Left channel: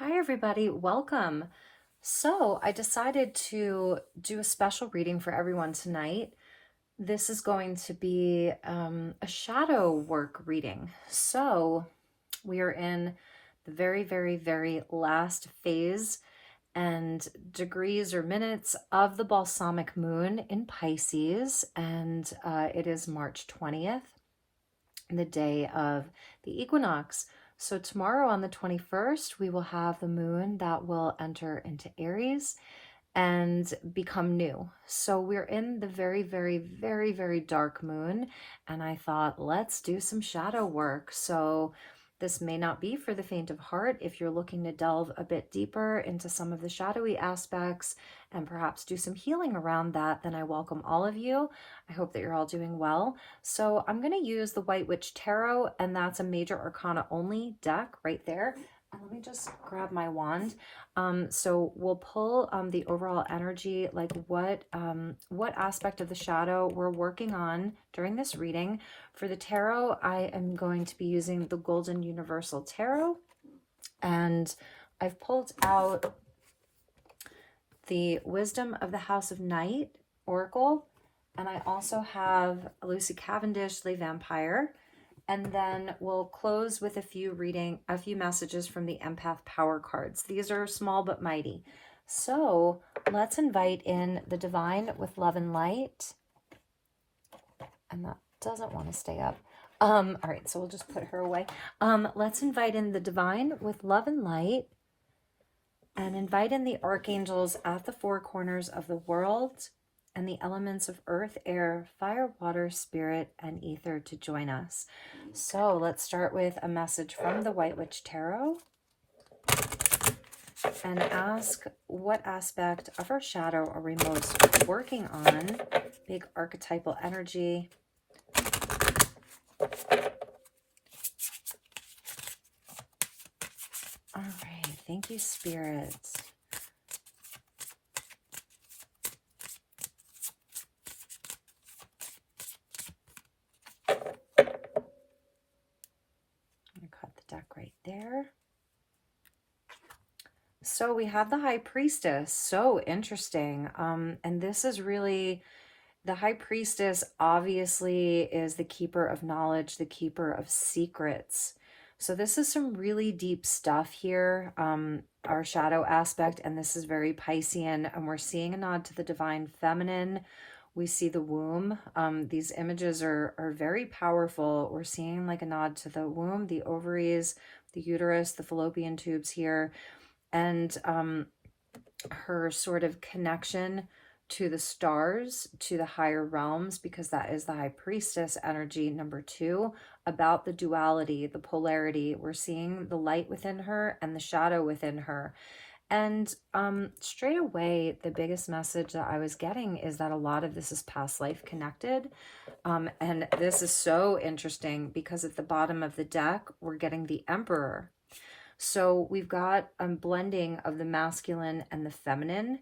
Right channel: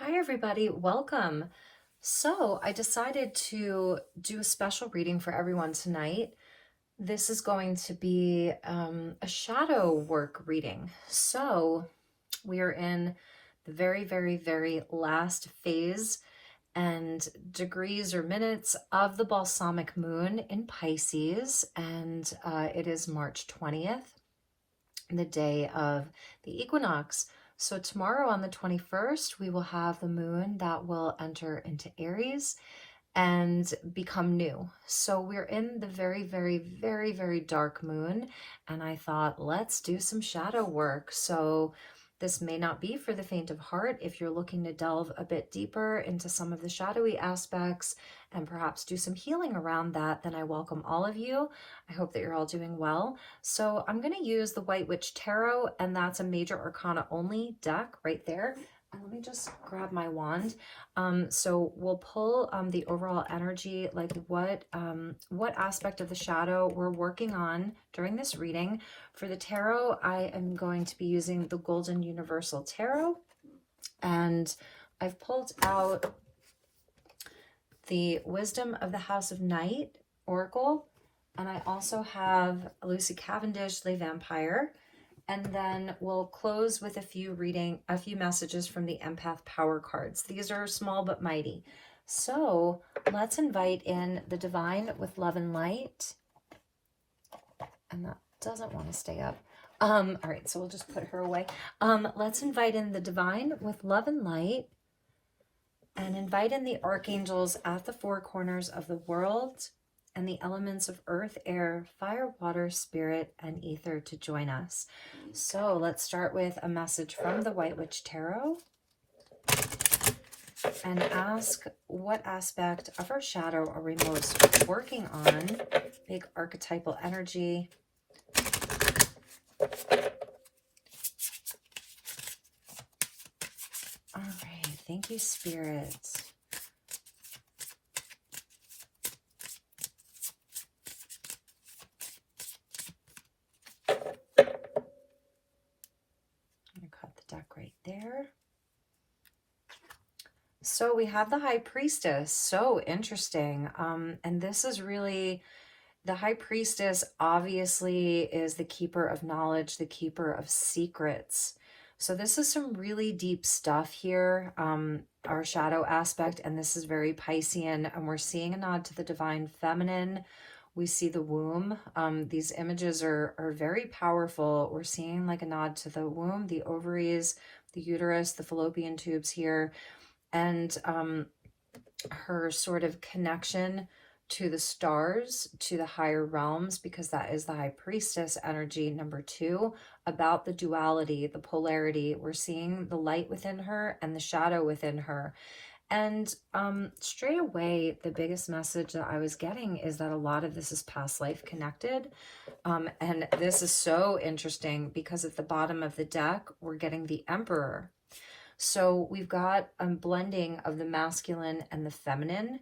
Hi, everybody. Welcome. So, I decided to do a special reading for everyone tonight. This is going to be a shadow work reading. So, we are in the very, very, very last phase and degrees or minutes of the balsamic moon in Pisces, and it is March 20th, the day of the equinox. So tomorrow on the 21st, we will have the moon that will enter into Aries and become new. So we're in the very, very, very, very dark moon. And I thought, let's do some shadow work. So this may not be for the faint of heart. If you're looking to delve a bit deeper into some of the shadowy aspects and perhaps do some healing around that, then I welcome all of you. I hope that you're all doing well. So I'm going to use the White Witch Tarot, and that's a major arcana only deck right there. And let me just grab my wand. So we'll pull the overall energy, like what aspect of the shadow we're working on during this reading. For the tarot, I am going to be using the Golden Universal Tarot, and I've pulled out the Wisdom of the House of Night Oracle, and I also have Lucy Cavendish, Le Vampire. And then we'll close with a few messages from the Empath Power cards. These are small but mighty. So let's invite in the divine with love and light. And that doesn't want to stay up. All right, so we'll just put her away. Let's invite in the divine with love and light, and invite in the archangels at the four corners of the world, and the elements of earth, air, fire, water, spirit, and ether to join us. So let's start with a message from the White Witch Tarot and ask, what aspect of our shadow are we most working on? Big archetypal energy. All right, thank you, Spirit. Right there. So we have the High Priestess. So interesting. And this is really, the High Priestess obviously is the keeper of knowledge, the keeper of secrets. So this is some really deep stuff here, our shadow aspect, and this is very Piscean, and we're seeing a nod to the divine feminine. We see the womb. These images are very powerful. We're seeing like a nod to the womb, the ovaries, the uterus, the fallopian tubes here, and her sort of connection to the stars, to the higher realms, because that is the High Priestess energy, number 2, about the duality, the polarity. We're seeing the light within her and the shadow within her. And straight away, the biggest message that I was getting is that a lot of this is past life connected. And this is so interesting because at the bottom of the deck, we're getting the Emperor. So we've got a blending of the masculine and the feminine.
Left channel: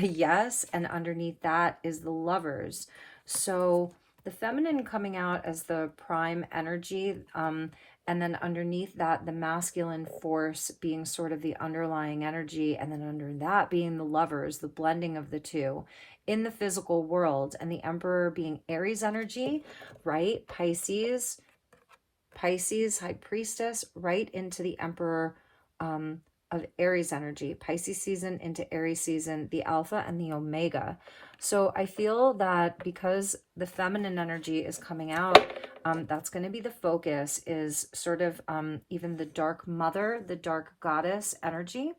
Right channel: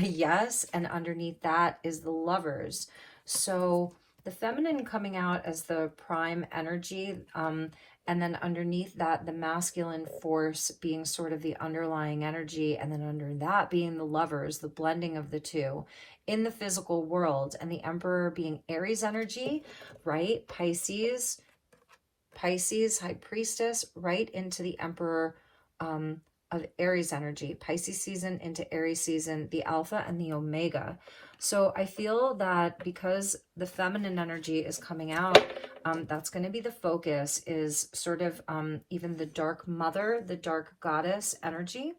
Yes, and underneath that is the Lovers. So the feminine coming out as the prime energy, and then underneath that, the masculine force being sort of the underlying energy, and then under that being the Lovers, the blending of the two in the physical world, and the Emperor being Aries energy, right? Pisces, High Priestess, right into the Emperor of Aries energy, Pisces season into Aries season, the Alpha and the Omega. So I feel that because the feminine energy is coming out, that's going to be the focus, is sort of even the dark mother, the dark goddess energy,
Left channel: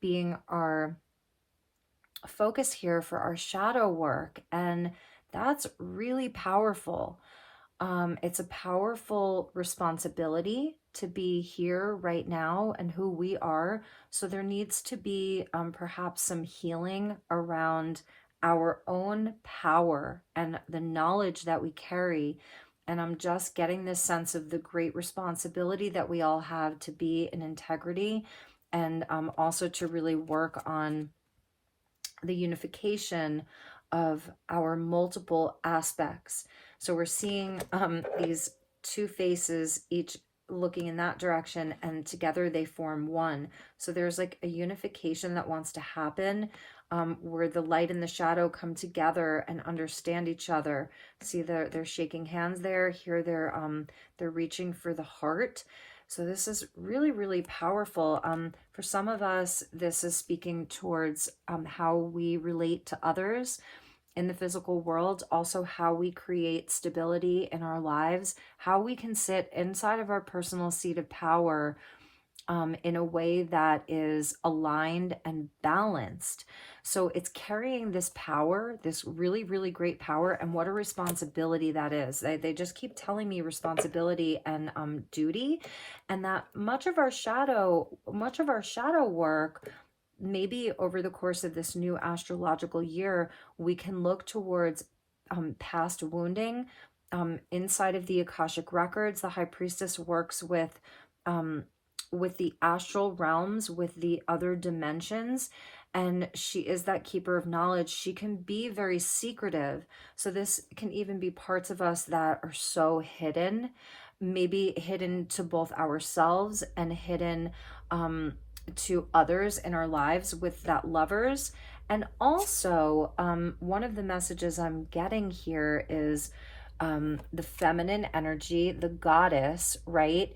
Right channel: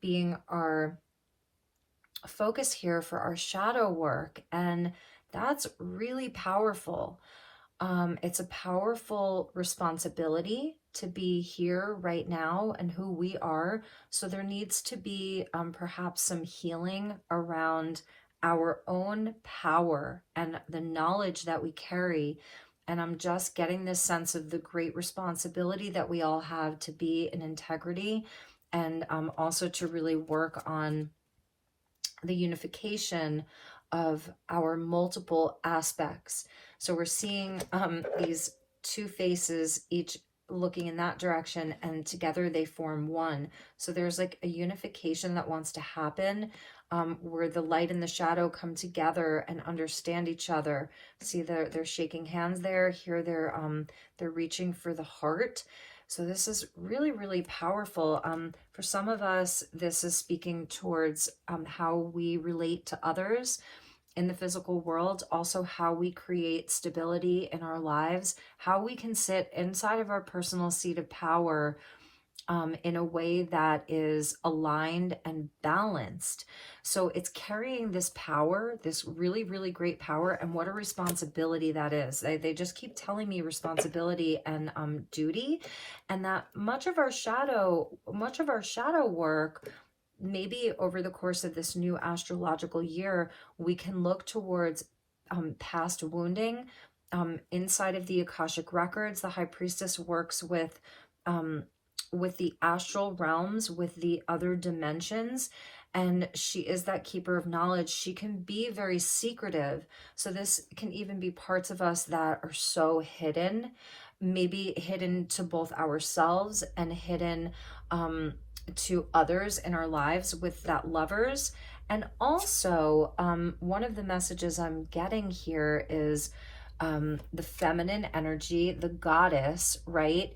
being our focus here for our shadow work. And that's really powerful. It's a powerful responsibility to be here right now and who we are. So there needs to be perhaps some healing around our own power and the knowledge that we carry. And I'm just getting this sense of the great responsibility that we all have to be in integrity, and also to really work on the unification of our multiple aspects. So we're seeing these two faces, each looking in that direction, and together they form one. So there's like a unification that wants to happen, where the light and the shadow come together and understand each other. See, they're shaking hands there. Here they're reaching for the heart. So this is really, really powerful. For some of us, this is speaking towards how we relate to others in the physical world, also how we create stability in our lives, how we can sit inside of our personal seat of power in a way that is aligned and balanced. So it's carrying this power, this really, really great power, and what a responsibility that is. They just keep telling me responsibility and duty, and that much of our shadow work, maybe over the course of this new astrological year, we can look towards past wounding. Inside of the Akashic records, the high priestess works with the astral realms, with the other dimensions, and she is that keeper of knowledge. She can be very secretive. So this can even be parts of us that are so hidden, maybe hidden to both ourselves and hidden to others in our lives with that lovers. And also, one of the messages I'm getting here is the feminine energy, the goddess, right?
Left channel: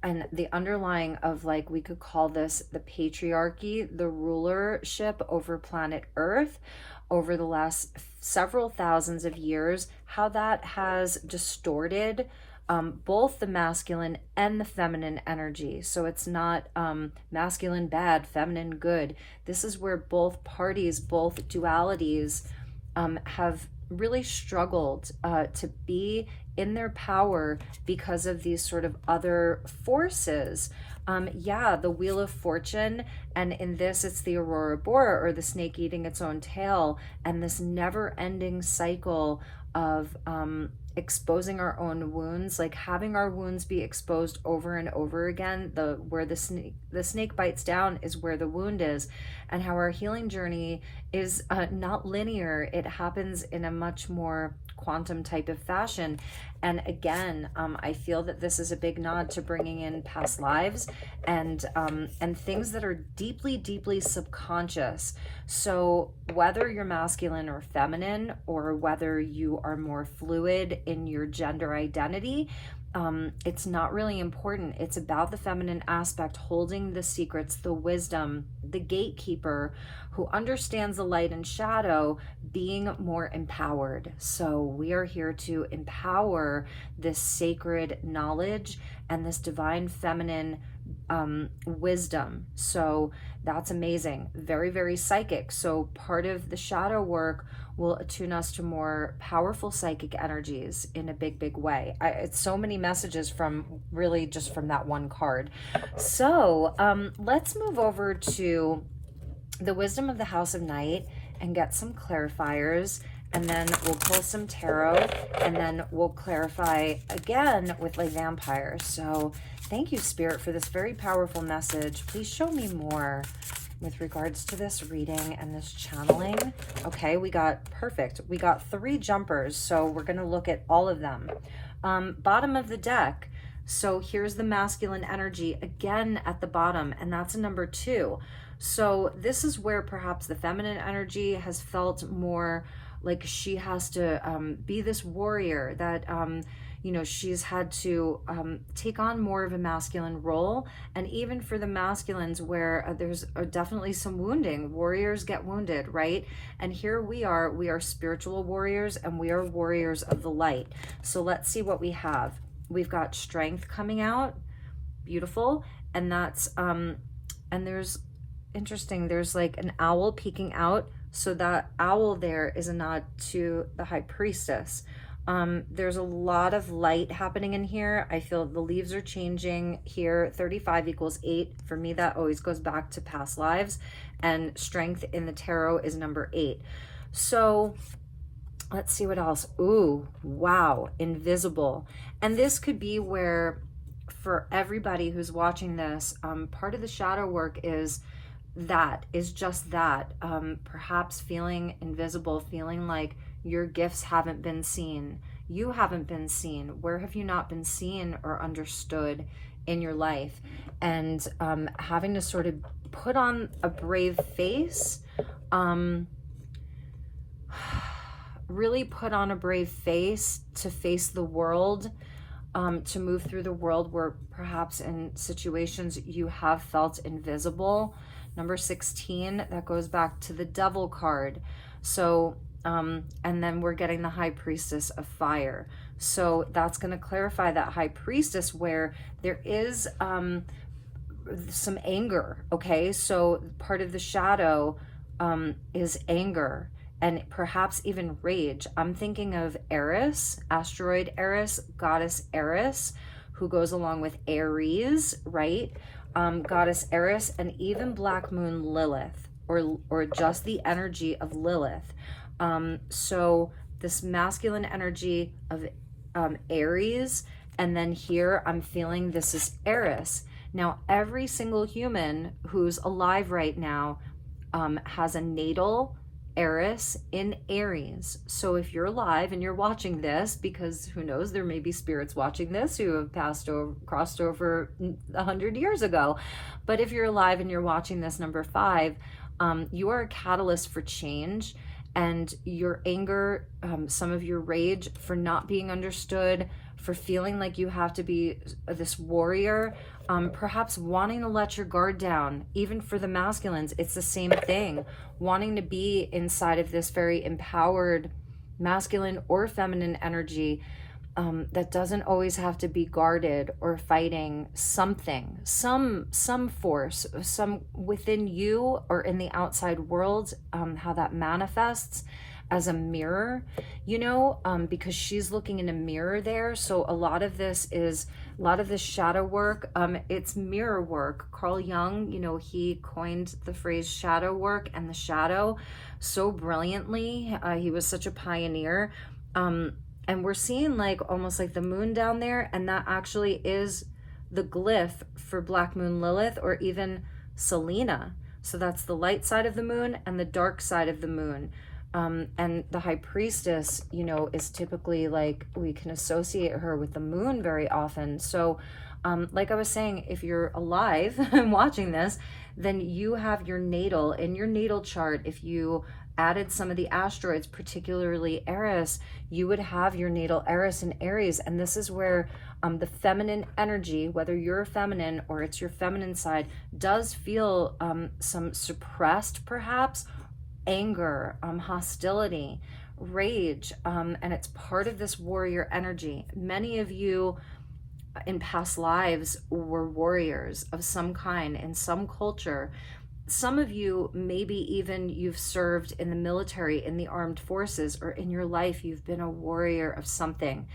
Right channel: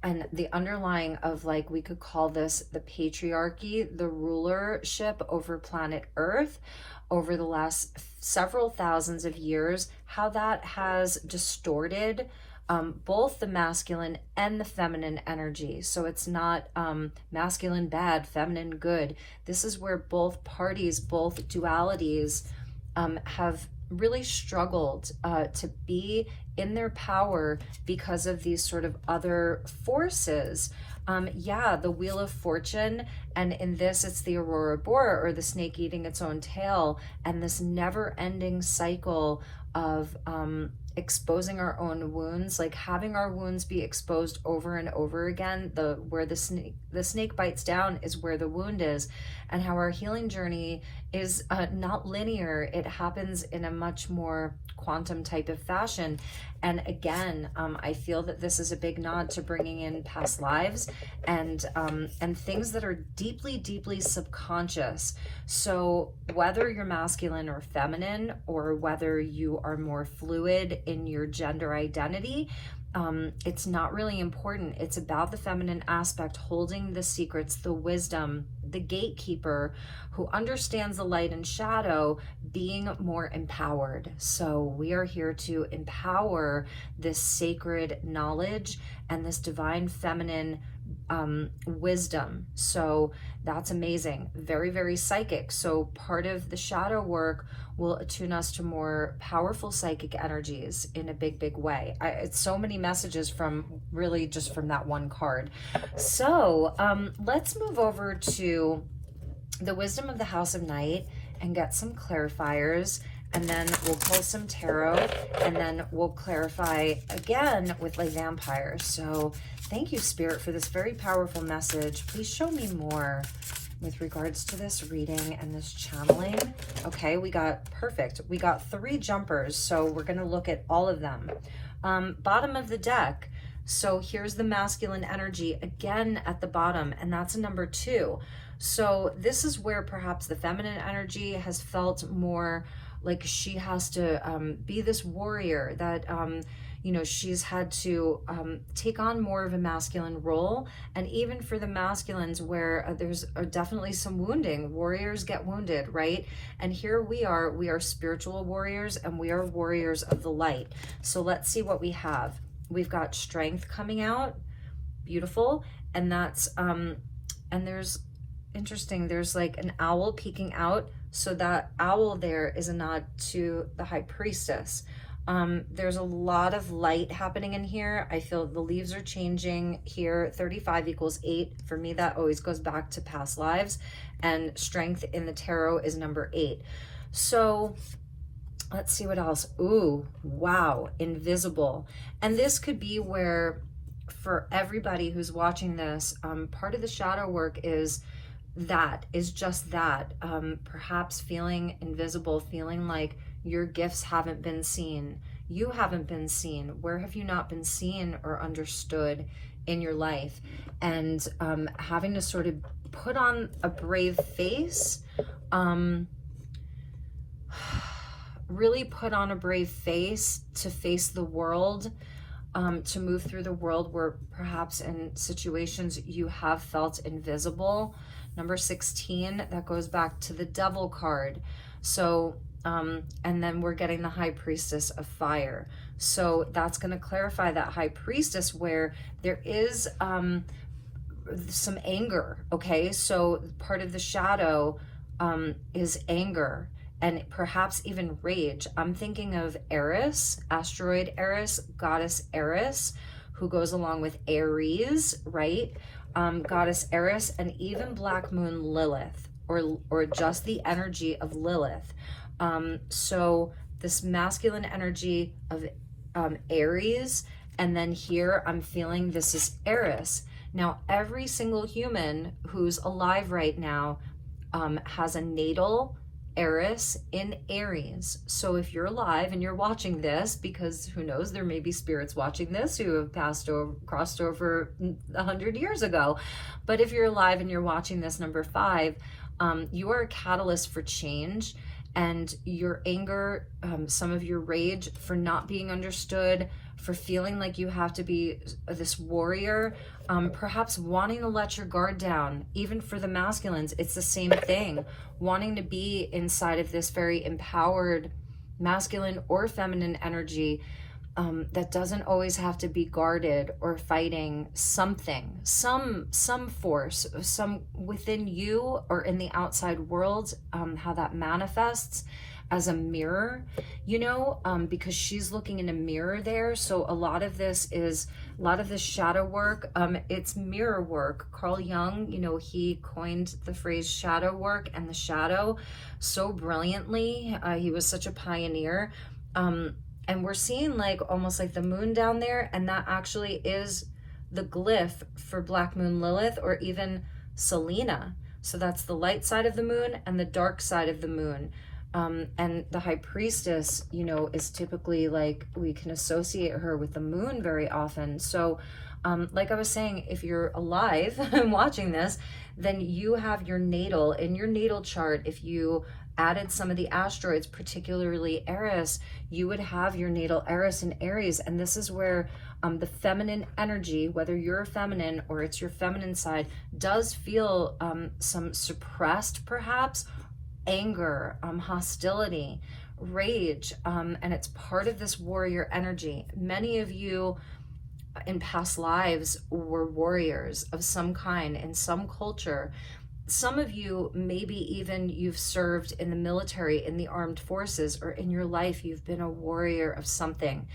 And the underlying of, like, we could call this the patriarchy, the rulership over planet Earth over the last several thousands of years, how that has distorted both the masculine and the feminine energy. So it's not masculine bad, feminine good. This is where both parties, both dualities have really struggled to be in their power because of these sort of other forces. The Wheel of Fortune, and in this it's the Aurora Boreal, or the snake eating its own tail, and this never-ending cycle of exposing our own wounds, like having our wounds be exposed over and over again. Where the snake bites down is where the wound is, and how our healing journey is not linear. It happens in a much more quantum type of fashion. And again, I feel that this is a big nod to bringing in past lives and things that are deeply, deeply subconscious. So whether you're masculine or feminine, or whether you are more fluid in your gender identity, it's not really important. It's about the feminine aspect, holding the secrets, the wisdom, the gatekeeper who understands the light and shadow, being more empowered. So we are here to empower this sacred knowledge and this divine feminine wisdom. So that's amazing. Very, very psychic. So part of the shadow work will attune us to more powerful psychic energies in a big, big way. It's so many messages from really just from that one card. So let's move over to the wisdom of the House of Night and get some clarifiers, and then we'll pull some tarot, and then we'll clarify again with like vampires. So thank you, Spirit, for this very powerful message. Please show me more with regards to this reading and this channeling. Okay, we got perfect. We got 3 jumpers, so we're going to look at all of them. Bottom of the deck. So here's the masculine energy again at the bottom, and that's a number 2. So this is where perhaps the feminine energy has felt more like she has to be this warrior, that she's had to take on more of a masculine role. And even for the masculines, where there's definitely some wounding, warriors get wounded, right? And here we are spiritual warriors, and we are warriors of the light. So let's see what we have. We've got strength coming out, beautiful, and that's and there's interesting, there's like an owl peeking out. So that owl there is a nod to the high priestess. There's a lot of light happening in here. I feel the leaves are changing here. 35 equals 8. For me, that always goes back to past lives. And strength in the tarot is number 8. So let's see what else. Ooh, wow, invisible. And this could be where, for everybody who's watching this, part of the shadow work is just that. Perhaps feeling invisible, feeling like your gifts haven't been seen, you haven't been seen? Where have you not been seen or understood in your life? And having to sort of put on a brave face, really put on a brave face to face the world, to move through the world where perhaps in situations you have felt invisible. Number 16, that goes back to the devil card. So, and then we're getting the high priestess of fire. So that's going to clarify that high priestess where there is some anger. Okay, so part of the shadow is anger and perhaps even rage. I'm thinking of Eris, asteroid Eris, goddess Eris, who goes along with Aries, right? Goddess Eris, and even Black Moon Lilith, or just the energy of Lilith. So this masculine energy of Aries, and then here I'm feeling this is Eris. Now, every single human who's alive right now has a natal Eris in Aries. So if you're alive and you're watching this, because who knows, there may be spirits watching this who have crossed over 100 years ago. But if you're alive and you're watching this, number 5, you are a catalyst for change. And your anger, some of your rage for not being understood, for feeling like you have to be this warrior, perhaps wanting to let your guard down. Even for the masculines, it's the same thing. Wanting to be inside of this very empowered masculine or feminine energy that doesn't always have to be guarded or fighting something, some force, some within you or in the outside world, how that manifests as a mirror, because she's looking in a mirror there. So a lot of this shadow work, it's mirror work. Carl Jung, he coined the phrase shadow work and the shadow so brilliantly. He was such a pioneer. And we're seeing almost like the moon down there, and that actually is the glyph for Black Moon Lilith, or even Selena. So that's the light side of the moon and the dark side of the moon. And the high priestess, is typically we can associate her with the moon very often. So like I was saying, if you're alive and watching this, then you have your natal, in your natal chart, if you added some of the asteroids, particularly Eris, you would have your natal Eris in Aries. And this is where the feminine energy, whether you're feminine or it's your feminine side, does feel some suppressed, perhaps, anger, hostility, rage, and it's part of this warrior energy. Many of you in past lives were warriors of some kind in some culture. Some of you, maybe even you've served in the military, in the armed forces, or in your life you've been a warrior of something.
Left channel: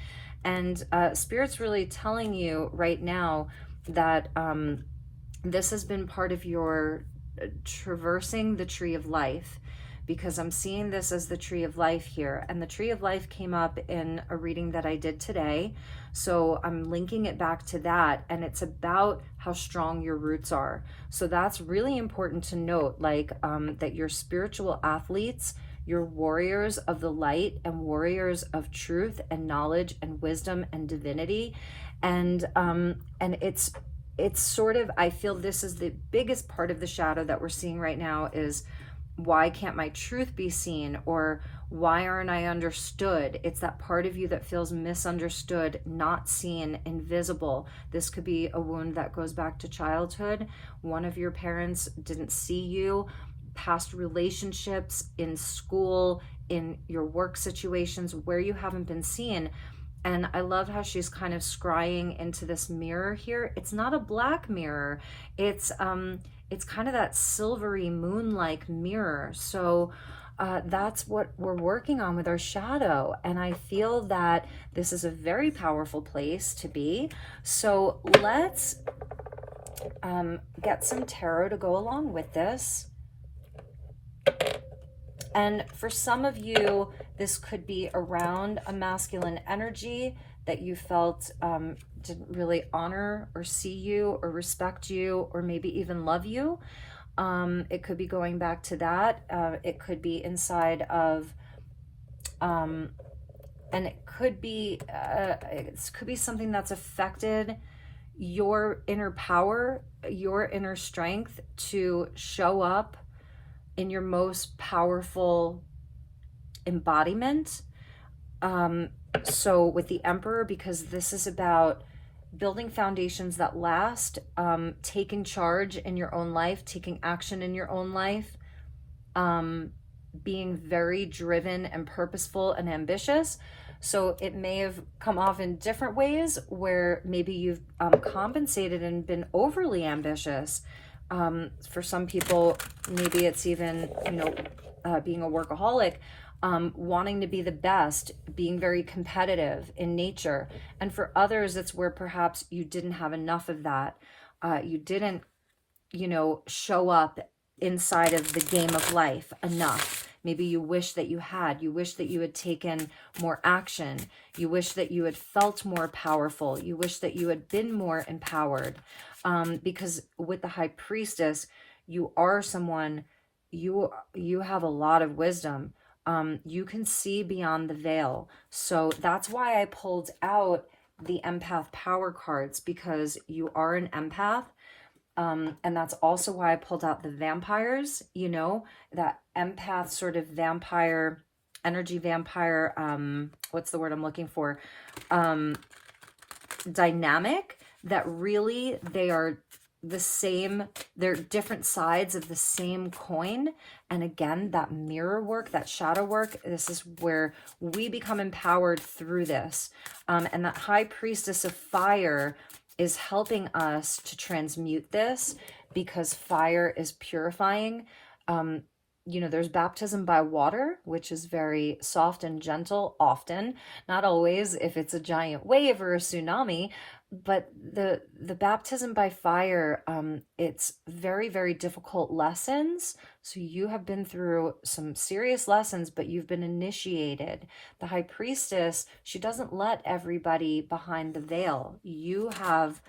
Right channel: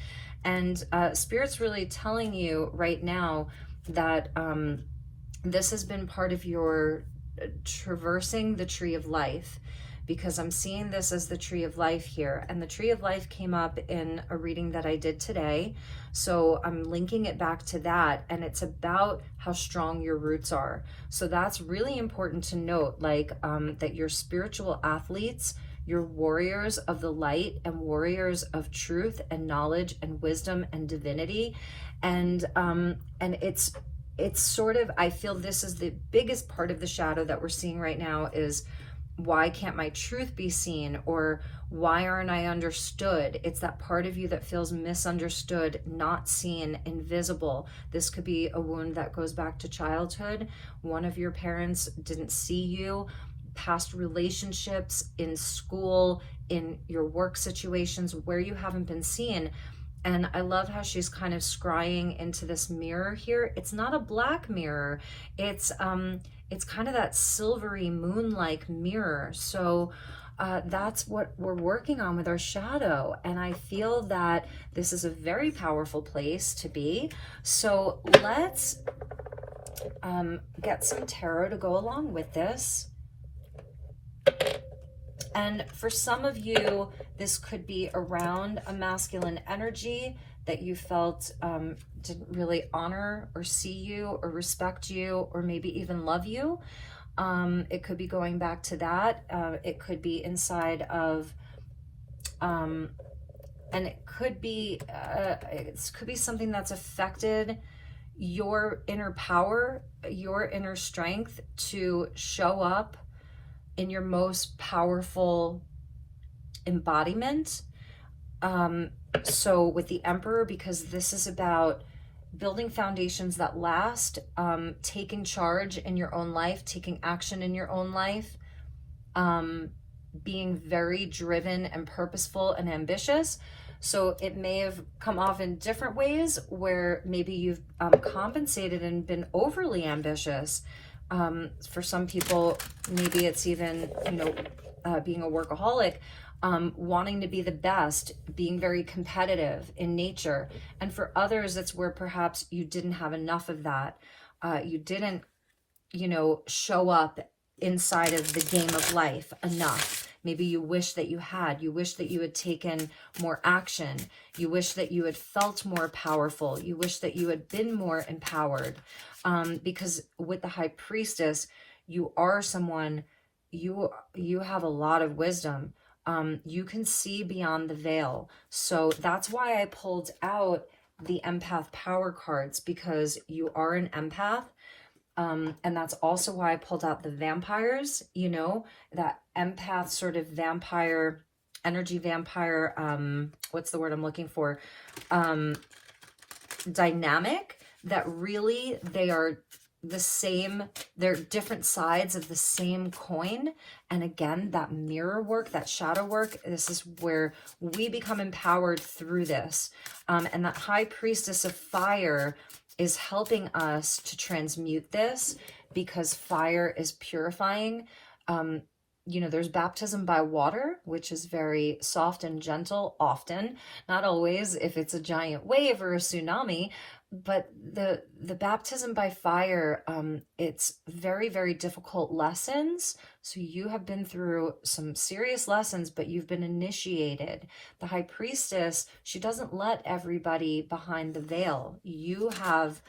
And Spirit's really telling you right now that this has been part of your traversing the tree of life, because I'm seeing this as the tree of life here. And the tree of life came up in a reading that I did today. So I'm linking it back to that. And it's about how strong your roots are. So that's really important to note, that your spiritual athletes, your warriors of the light and warriors of truth and knowledge and wisdom and divinity. And it's sort of, I feel this is the biggest part of the shadow that we're seeing right now is, why can't my truth be seen? Or why aren't I understood? It's that part of you that feels misunderstood, not seen, invisible. This could be a wound that goes back to childhood. One of your parents didn't see you. Past relationships, in school, in your work situations where you haven't been seen. And I love how she's kind of scrying into this mirror here. It's not a black mirror. It's kind of that silvery moon-like mirror. So that's what we're working on with our shadow. And I feel that this is a very powerful place to be. So let's get some tarot to go along with this. And for some of you, this could be around a masculine energy that you felt didn't really honor or see you or respect you or maybe even love you. It could be going back to that. It could be inside of and it could be something that's affected your inner power, your inner strength to show up in your most powerful embodiment. So with the Emperor, because this is about building foundations that last, taking charge in your own life, taking action in your own life, being very driven and purposeful and ambitious. So it may have come off in different ways where maybe you've compensated and been overly ambitious. For some people, maybe it's even, being a workaholic, wanting to be the best, being very competitive in nature. And for others, it's where perhaps you didn't have enough of that. You didn't, show up inside of the game of life enough. Maybe you wish that you had. You wish that you had taken more action. You wish that you had felt more powerful. You wish that you had been more empowered. Because with the High Priestess, you are someone, you have a lot of wisdom. You can see beyond the veil. So that's why I pulled out the empath power cards, because you are an empath. And that's also why I pulled out the vampires, that empath sort of vampire, energy vampire, what's the word I'm looking for? Dynamic, that really they are the same, they're different sides of the same coin. And again, that mirror work, that shadow work, this is where we become empowered through this. And that High Priestess of Fire is helping us to transmute this, because fire is purifying. There's baptism by water, which is very soft and gentle, often, not always if it's a giant wave or a tsunami, but the baptism by fire, it's very, very difficult lessons. So you have been through some serious lessons, but you've been initiated. The High Priestess, she doesn't let everybody behind the veil. You have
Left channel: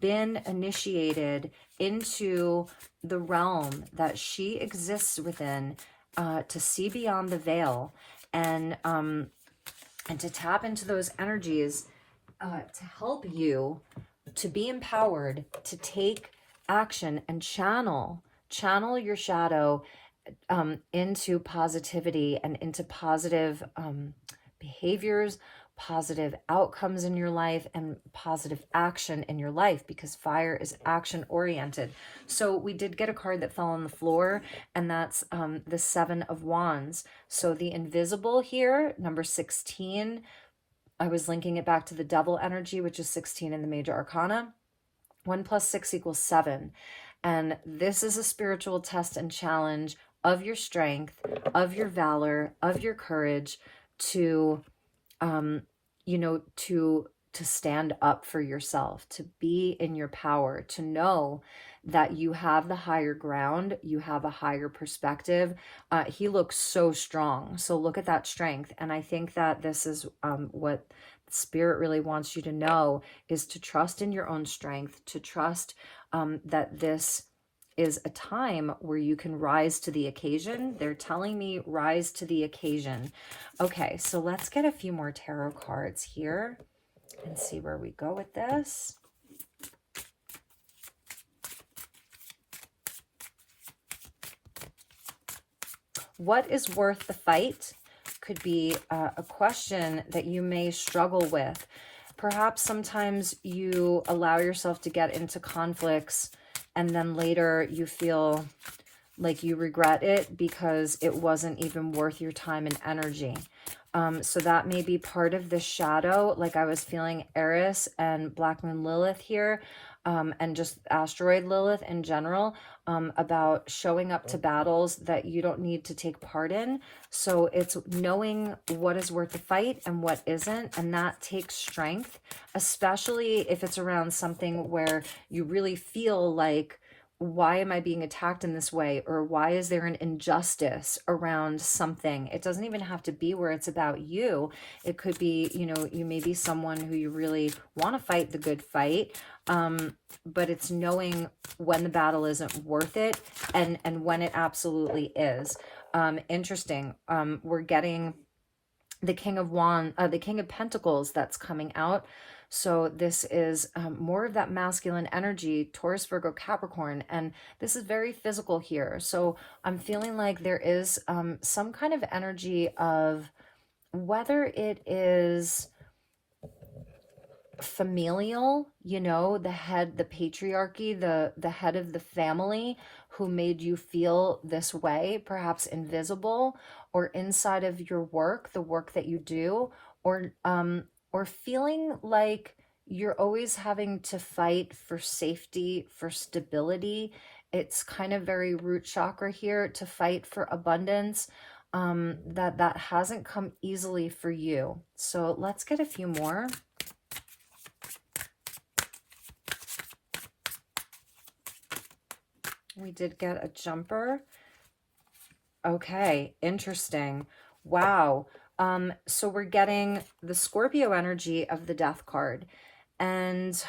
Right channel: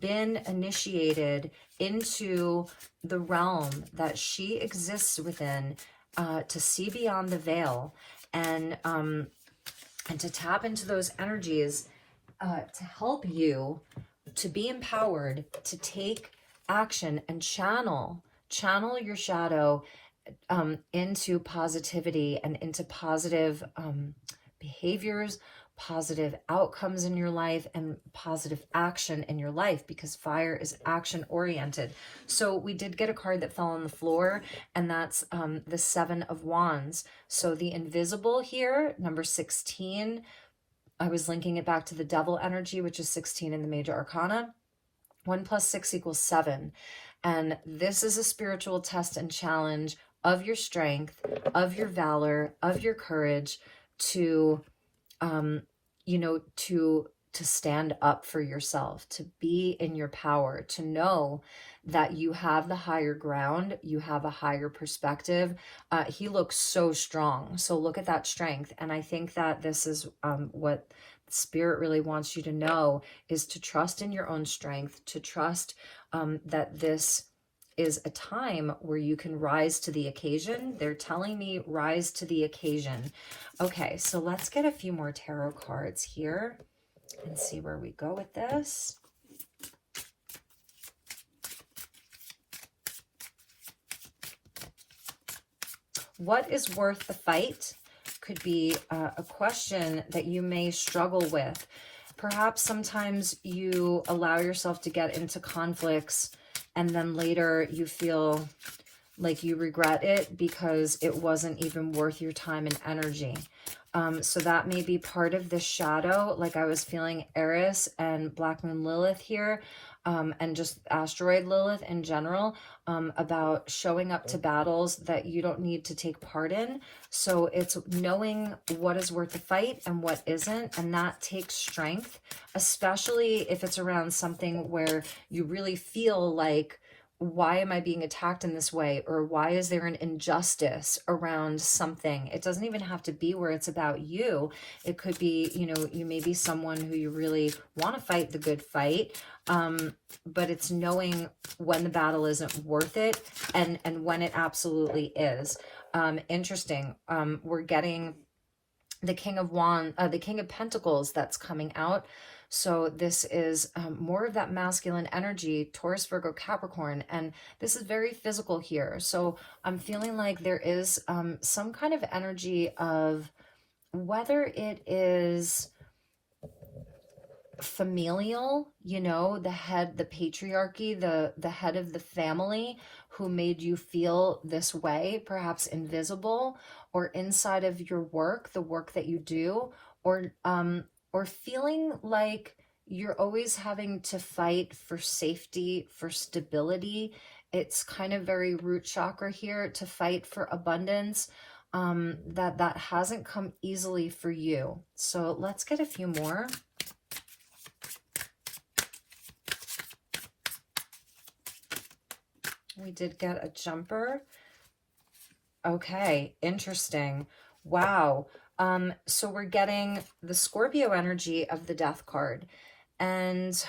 been initiated into the realm that she exists within, to see beyond the veil, and to tap into those energies, to help you to be empowered to take action and channel your shadow into positivity and into positive behaviors, positive outcomes in your life, and positive action in your life, because fire is action oriented. So we did get a card that fell on the floor, and that's the Seven of Wands. So the invisible here, number 16, I was linking it back to the devil energy, which is 16 in the major arcana. 1 + 6 = 7. And this is a spiritual test and challenge of your strength, of your valor, of your courage to, to stand up for yourself, to be in your power, to know that you have the higher ground, you have a higher perspective. He looks so strong. So look at that strength. And I think that this is what Spirit really wants you to know, is to trust in your own strength, to trust that this is a time where you can rise to the occasion. They're telling me rise to the occasion. Okay, so let's get a few more tarot cards here and see where we go with this. What is worth the fight? Could be a question that you may struggle with. Perhaps sometimes you allow yourself to get into conflicts, and then later you feel like you regret it because it wasn't even worth your time and energy. So that may be part of the shadow. Like I was feeling Eris and Black Moon Lilith here, and just asteroid Lilith in general, about showing up to battles that you don't need to take part in. So it's knowing what is worth the fight and what isn't, and that takes strength, especially if it's around something where you really feel like, why am I being attacked in this way? Or why is there an injustice around something? It doesn't even have to be where it's about you. It could be, you may be someone who you really want to fight the good fight, but it's knowing when the battle isn't worth it and when it absolutely is. Interesting. We're getting the the King of Pentacles that's coming out. So this is more of that masculine energy, Taurus, Virgo, Capricorn, and this is very physical here. So I'm feeling like there is some kind of energy of, whether it is familial, you know, the patriarchy, the head of the family who made you feel this way, perhaps invisible, or inside of your work, the work that you do, or feeling like you're always having to fight for safety, for stability. It's kind of very root chakra here, to fight for abundance. That hasn't come easily for you. So let's get a few more. We did get a jumper. Okay, interesting. Wow. So we're getting the Scorpio energy of the Death card. And,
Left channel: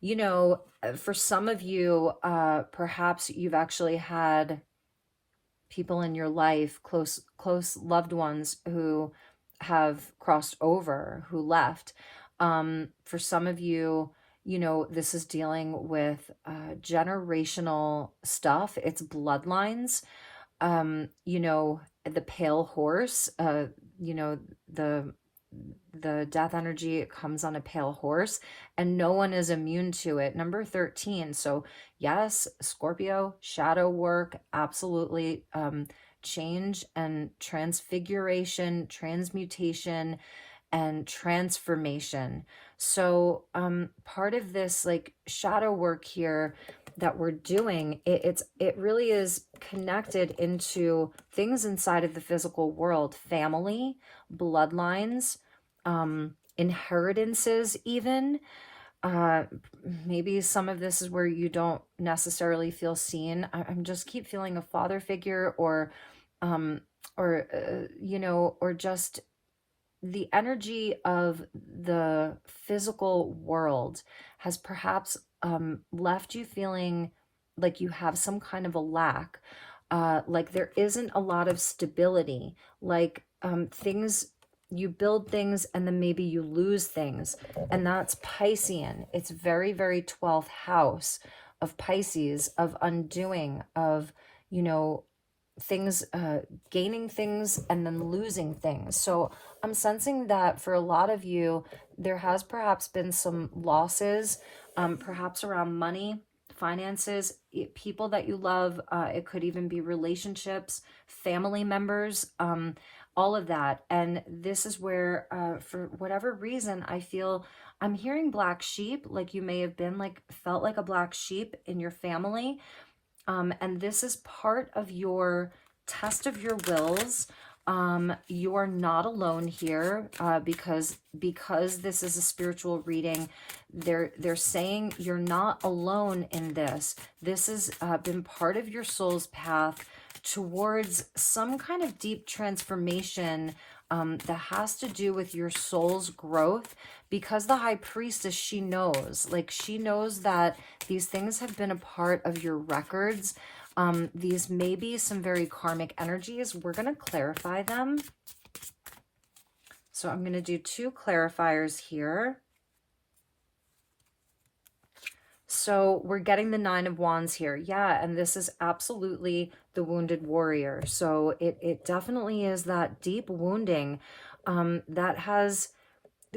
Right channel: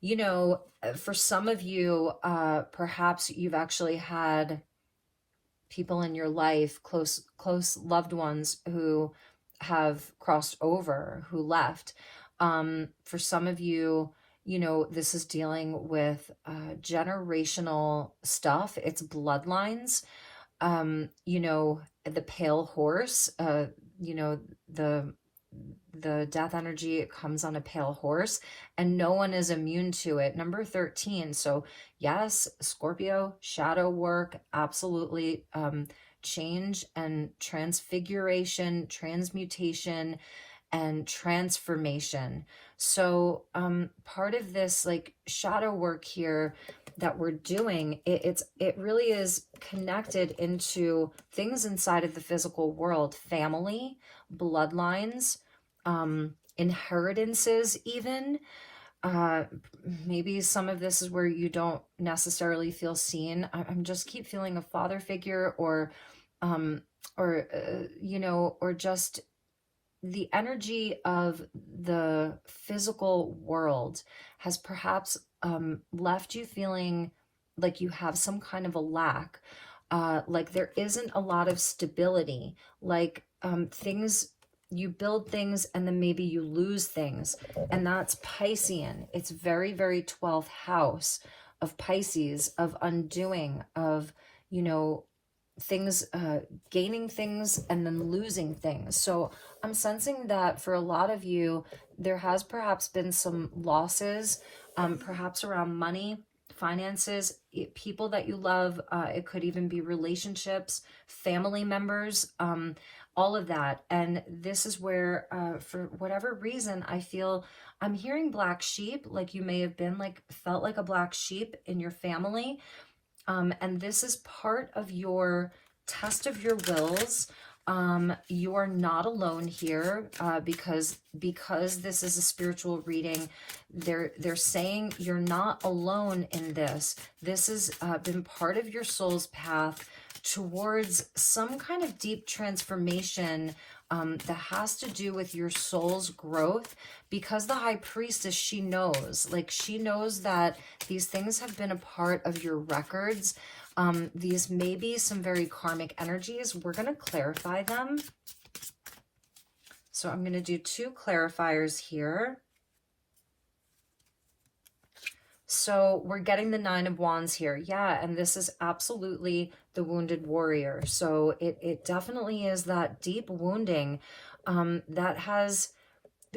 you know, for some of you, perhaps you've actually had people in your life, close loved ones, who have crossed over, who left. For some of you, you know, this is dealing with generational stuff. It's bloodlines. You know, the pale horse, you know, the death energy, it comes on a pale horse, and no one is immune to it. Number 13. So yes, Scorpio, shadow work, absolutely. Change and transfiguration, transmutation, and transformation. So part of this like shadow work here that we're doing, it really is connected into things inside of the physical world, family, bloodlines, inheritances, even. Maybe some of this is where you don't necessarily feel seen. I'm just keep feeling a father figure, um, you know, or just the energy of the physical world has perhaps left you feeling like you have some kind of a lack, like there isn't a lot of stability, like things, you build things and then maybe you lose things. And that's Piscean. It's very, very 12th house of Pisces, of undoing, of, you know, things, gaining things and then losing things. So I'm sensing that for a lot of you, there has perhaps been some losses, perhaps around money, finances, people that you love. It could even be relationships, family members, all of that. And this is where, for whatever reason, I feel I'm hearing black sheep, like you may have been like, felt like a black sheep in your family. And this is part of your test of your wills. You are not alone here, because this is a spiritual reading. They're saying you're not alone in this. This has been part of your soul's path towards some kind of deep transformation that has to do with your soul's growth. Because the High Priestess, she knows that these things have been a part of your records. These may be some very karmic energies. We're going to clarify them. So I'm going to do 2 clarifiers here. So we're getting the 9 of Wands here. Yeah, and this is absolutely the wounded warrior. So it definitely is that deep wounding that has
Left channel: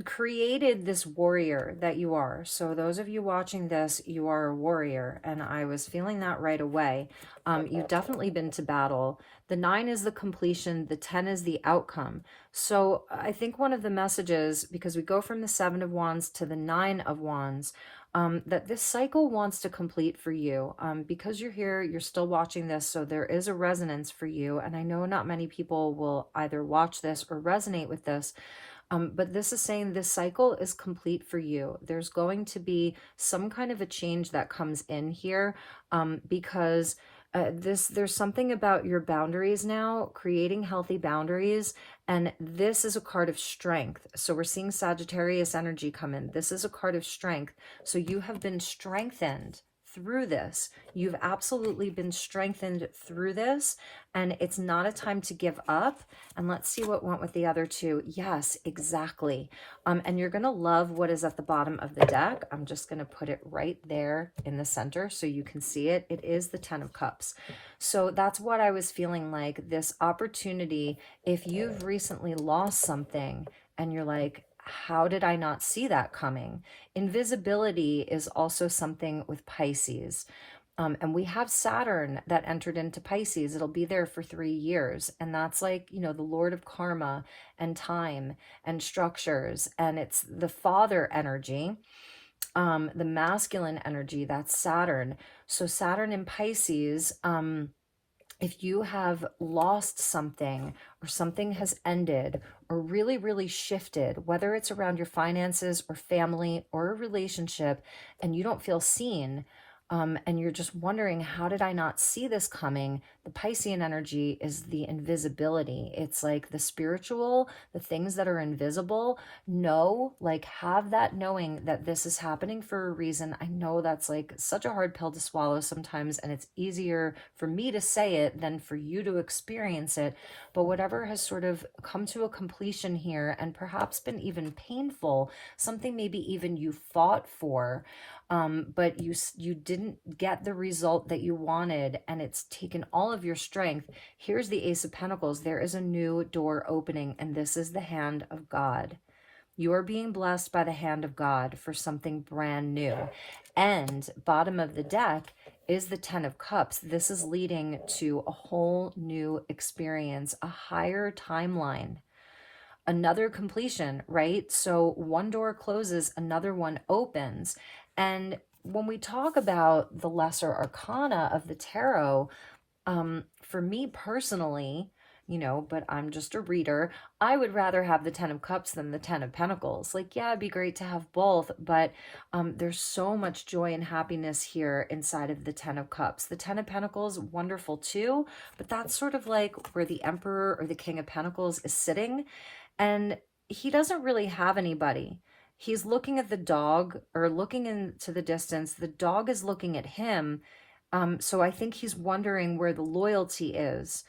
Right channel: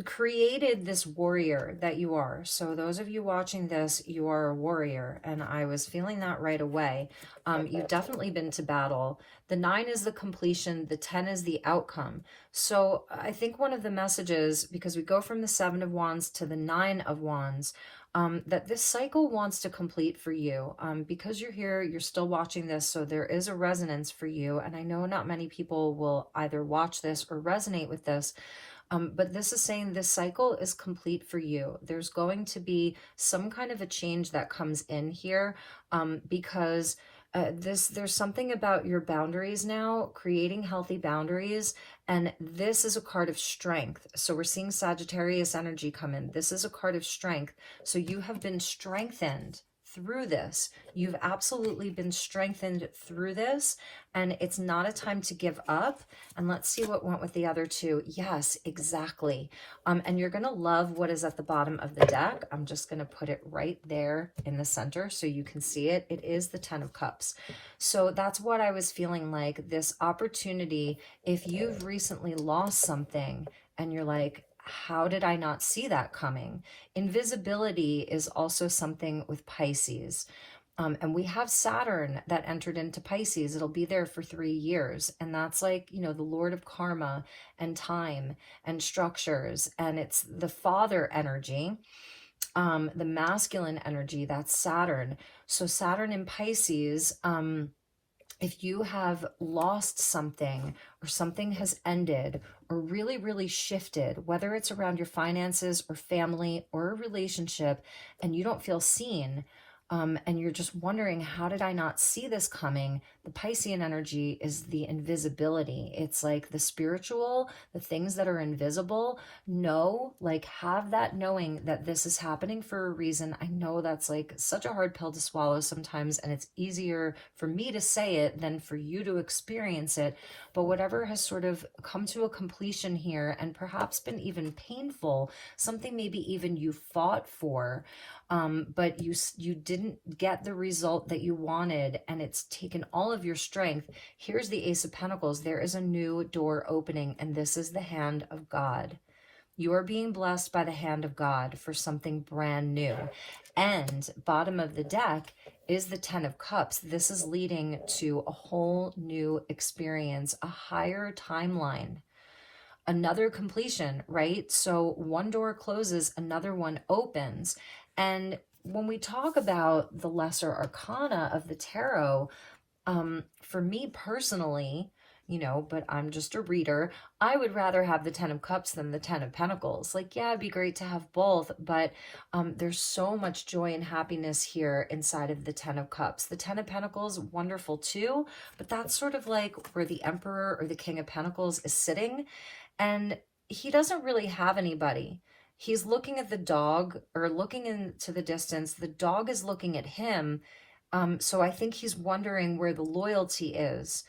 created this warrior that you are. So those of you watching this, you are a warrior, and I was feeling that right away. You've definitely been to battle. The 9 is the completion, the 10 is the outcome. So I think one of the messages, because we go from the 7 of Wands to the 9 of Wands, that this cycle wants to complete for you. Because you're here, you're still watching this, so there is a resonance for you. And I know not many people will either watch this or resonate with this. But this is saying this cycle is complete for you. There's going to be some kind of a change that comes in here, because there's something about your boundaries now, creating healthy boundaries, and this is a card of strength. So we're seeing Sagittarius energy come in. This is a card of strength. So you have been strengthened through this. You've absolutely been strengthened through this, And it's not a time to give up. And let's see what went with the other two. Yes, exactly. And you're going to love what is at the bottom of the deck. I'm just going to put it right there in the center so you can see it. It is the Ten of Cups. So that's what I was feeling like, this opportunity. If you've recently lost something and you're like, how did I not see that coming? Invisibility is also something with Pisces. And we have Saturn that entered into Pisces. It'll be there for 3 years. And that's like, the Lord of karma and time and structures. And it's the father energy, the masculine energy, that's Saturn. So Saturn in Pisces, if you have lost something or something has ended or really, really shifted, whether it's around your finances or family or a relationship, and you don't feel seen, and you're just wondering, how did I not see this coming? The Piscean energy is the invisibility. It's like the spiritual, the things that are invisible. Have that knowing that this is happening for a reason. I know that's like such a hard pill to swallow sometimes, and it's easier for me to say it than for you to experience it. But whatever has sort of come to a completion here and perhaps been even painful, something maybe even you fought for, but you didn't get the result that you wanted, and it's taken all of your strength. Here's the Ace of Pentacles. There is a new door opening, and this is the hand of God. You are being blessed by the hand of God for something brand new. And bottom of the deck is the Ten of Cups. This is leading to a whole new experience, a higher timeline, another completion, right? So one door closes, another one opens. And when we talk about the lesser arcana of the tarot, for me personally, but I'm just a reader, I would rather have the Ten of Cups than the Ten of Pentacles. Like, yeah, it'd be great to have both, but there's so much joy and happiness here inside of the Ten of Cups. The Ten of Pentacles, wonderful too, but that's sort of like where the Emperor or the King of Pentacles is sitting, and he doesn't really have anybody. He's looking at the dog or looking into the distance. The dog is looking at him. So I think he's wondering where the loyalty is.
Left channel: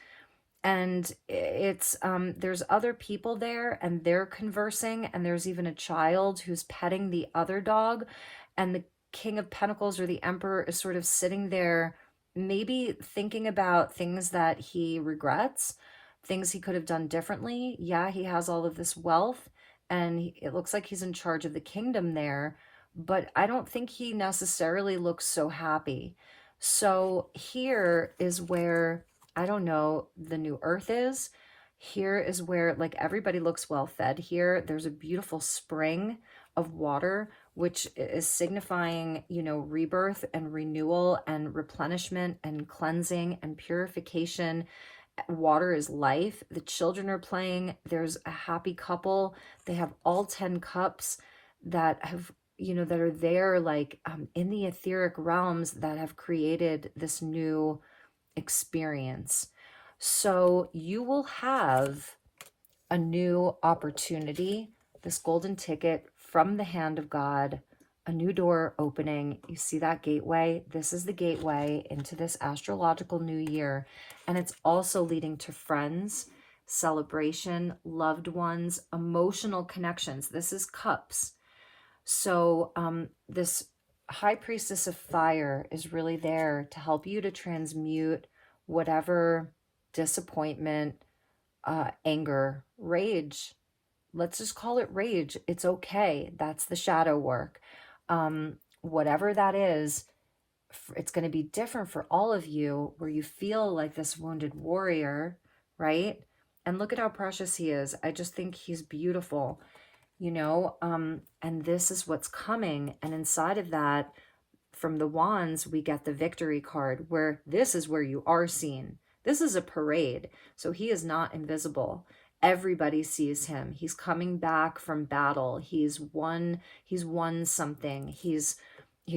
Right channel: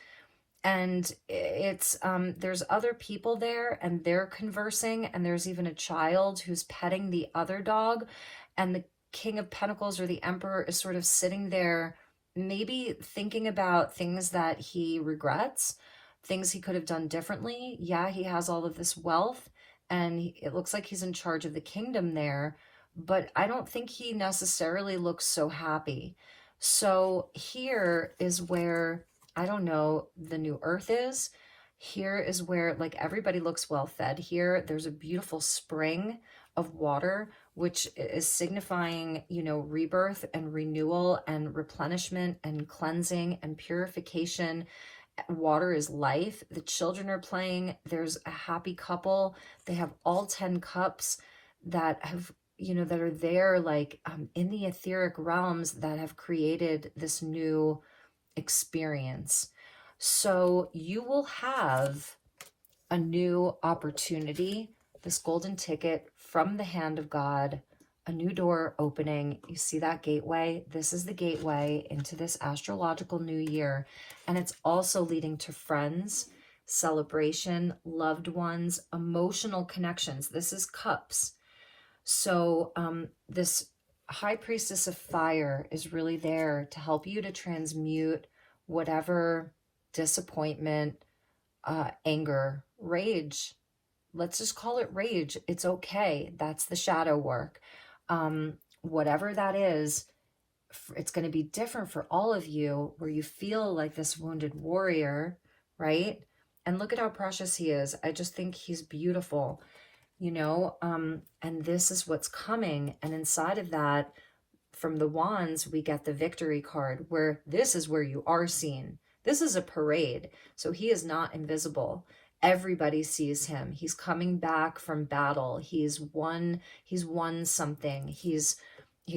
And it's there's other people there and they're conversing, and there's even a child who's petting the other dog, and the King of Pentacles or the Emperor is sort of sitting there, maybe thinking about things that he regrets, things he could have done differently. Yeah, he has all of this wealth, and it looks like he's in charge of the kingdom there, but I don't think he necessarily looks so happy. So here is where, I don't know, the new earth is. Here is where, like, everybody looks well fed here. There's a beautiful spring of water, which is signifying, rebirth and renewal and replenishment and cleansing and purification. Water is life. The children are playing. There's a happy couple. They have all 10 cups that have, that are there, like, in the etheric realms, that have created this new experience. So you will have a new opportunity, this golden ticket from the hand of God, a new door opening. You see that gateway? This is the gateway into this astrological new year. And it's also leading to friends, celebration, loved ones, emotional connections. This is cups. So this High Priestess of Fire is really there to help you to transmute whatever disappointment, anger, rage. Let's just call it rage. It's okay. That's the shadow work. Whatever that is, it's going to be different for all of you, where you feel like this wounded warrior, right? And look at how precious he is. I just think he's beautiful, and this is what's coming. And inside of that, from the wands, we get the victory card, where this is where you are seen. This is a parade. So he is not invisible. Everybody sees him. He's coming back from battle. He's won something. He's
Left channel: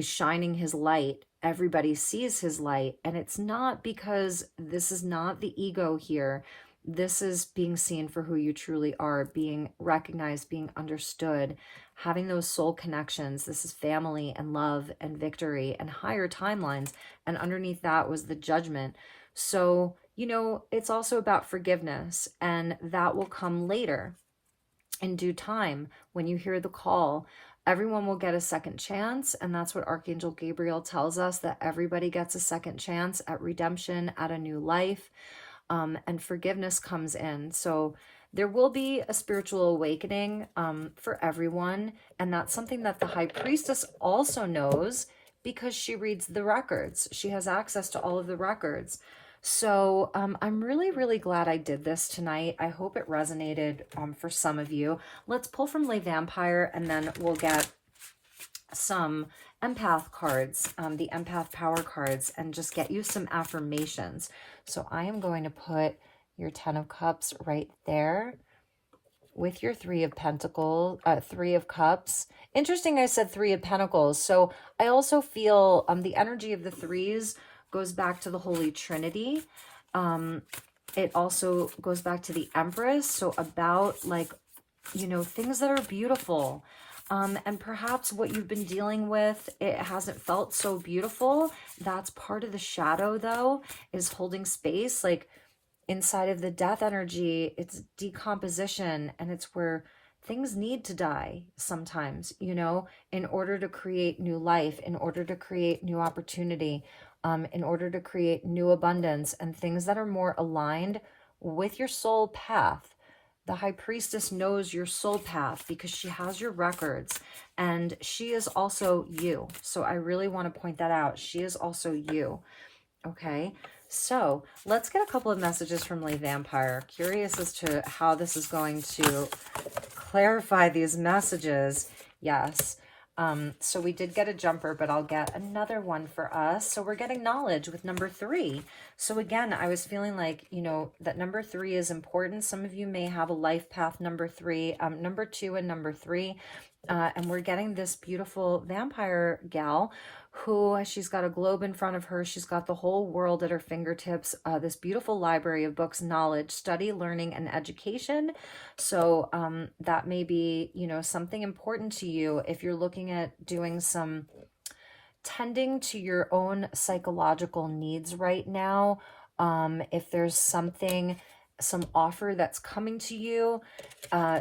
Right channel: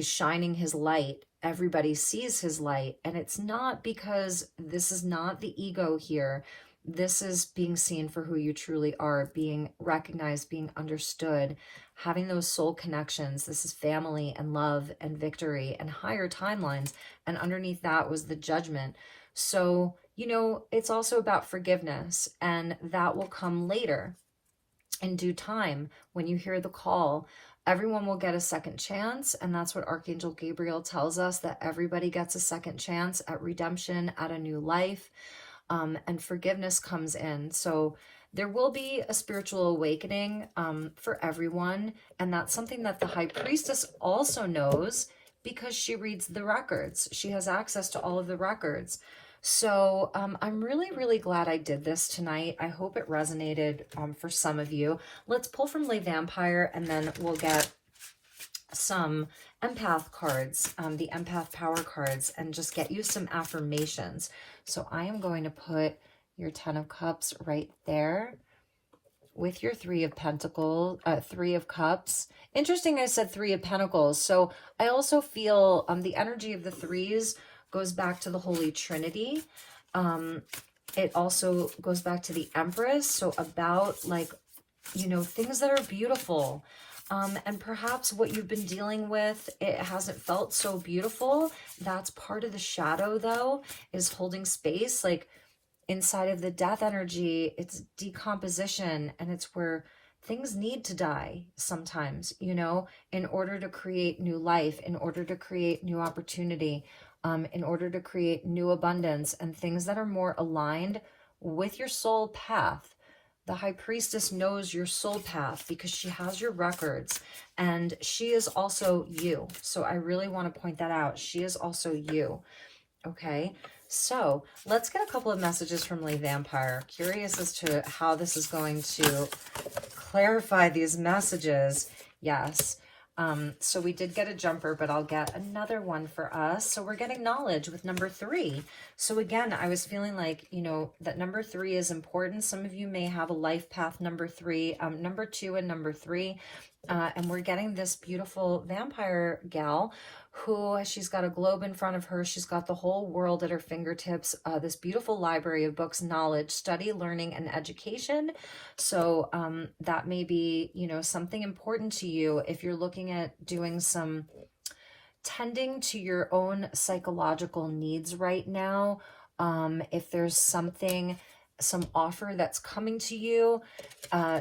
shining his light. Everybody sees his light. And it's not because, this is not the ego here. This is being seen for who you truly are, being recognized, being understood, having those soul connections. This is family and love and victory and higher timelines. And underneath that was the judgment. So It's also about forgiveness, and that will come later in due time. When you hear the call, everyone will get a second chance. And that's what Archangel Gabriel tells us, that everybody gets a second chance at redemption, at a new life. And forgiveness comes in. So there will be a spiritual awakening for everyone. And that's something that the high priestess also knows, because she reads the records. She has access to all of the records. So I'm really, really glad I did this tonight. I hope it resonated for some of you. Let's pull from Le Vampire, and then we'll get some empath cards, the empath power cards, and just get you some affirmations. So I am going to put your 10 of Cups right there with your 3 of Pentacles, 3 of Cups. Interesting, I said 3 of Pentacles. So I also feel the energy of the threes goes back to the Holy Trinity. It also goes back to the Empress. So about things that are beautiful. And perhaps what you've been dealing with, it hasn't felt so beautiful. That's part of the shadow, though, is holding space. Like inside of the death energy, it's decomposition, and it's where things need to die sometimes, in order to create new life, in order to create new opportunity, in order to create new abundance and things that are more aligned with your soul path. The high priestess knows your soul path because she has your records, and she is also you. So I really want to point that out. She is also you. Okay. So let's get a couple of messages from Le Vampire. Curious as to how this is going to clarify these messages. Yes. So we did get a jumper, but I'll get another one for us. So we're getting knowledge with number 3. So again, I was feeling like, that number 3 is important. Some of you may have a life path number 3, number 2 and number 3. And we're getting this beautiful vampire gal who, she's got a globe in front of her. She's got the whole world at her fingertips, this beautiful library of books, knowledge, study, learning, and education. So that may be, something important to you if you're looking at doing some tending to your own psychological needs right now. If there's some offer that's coming to you,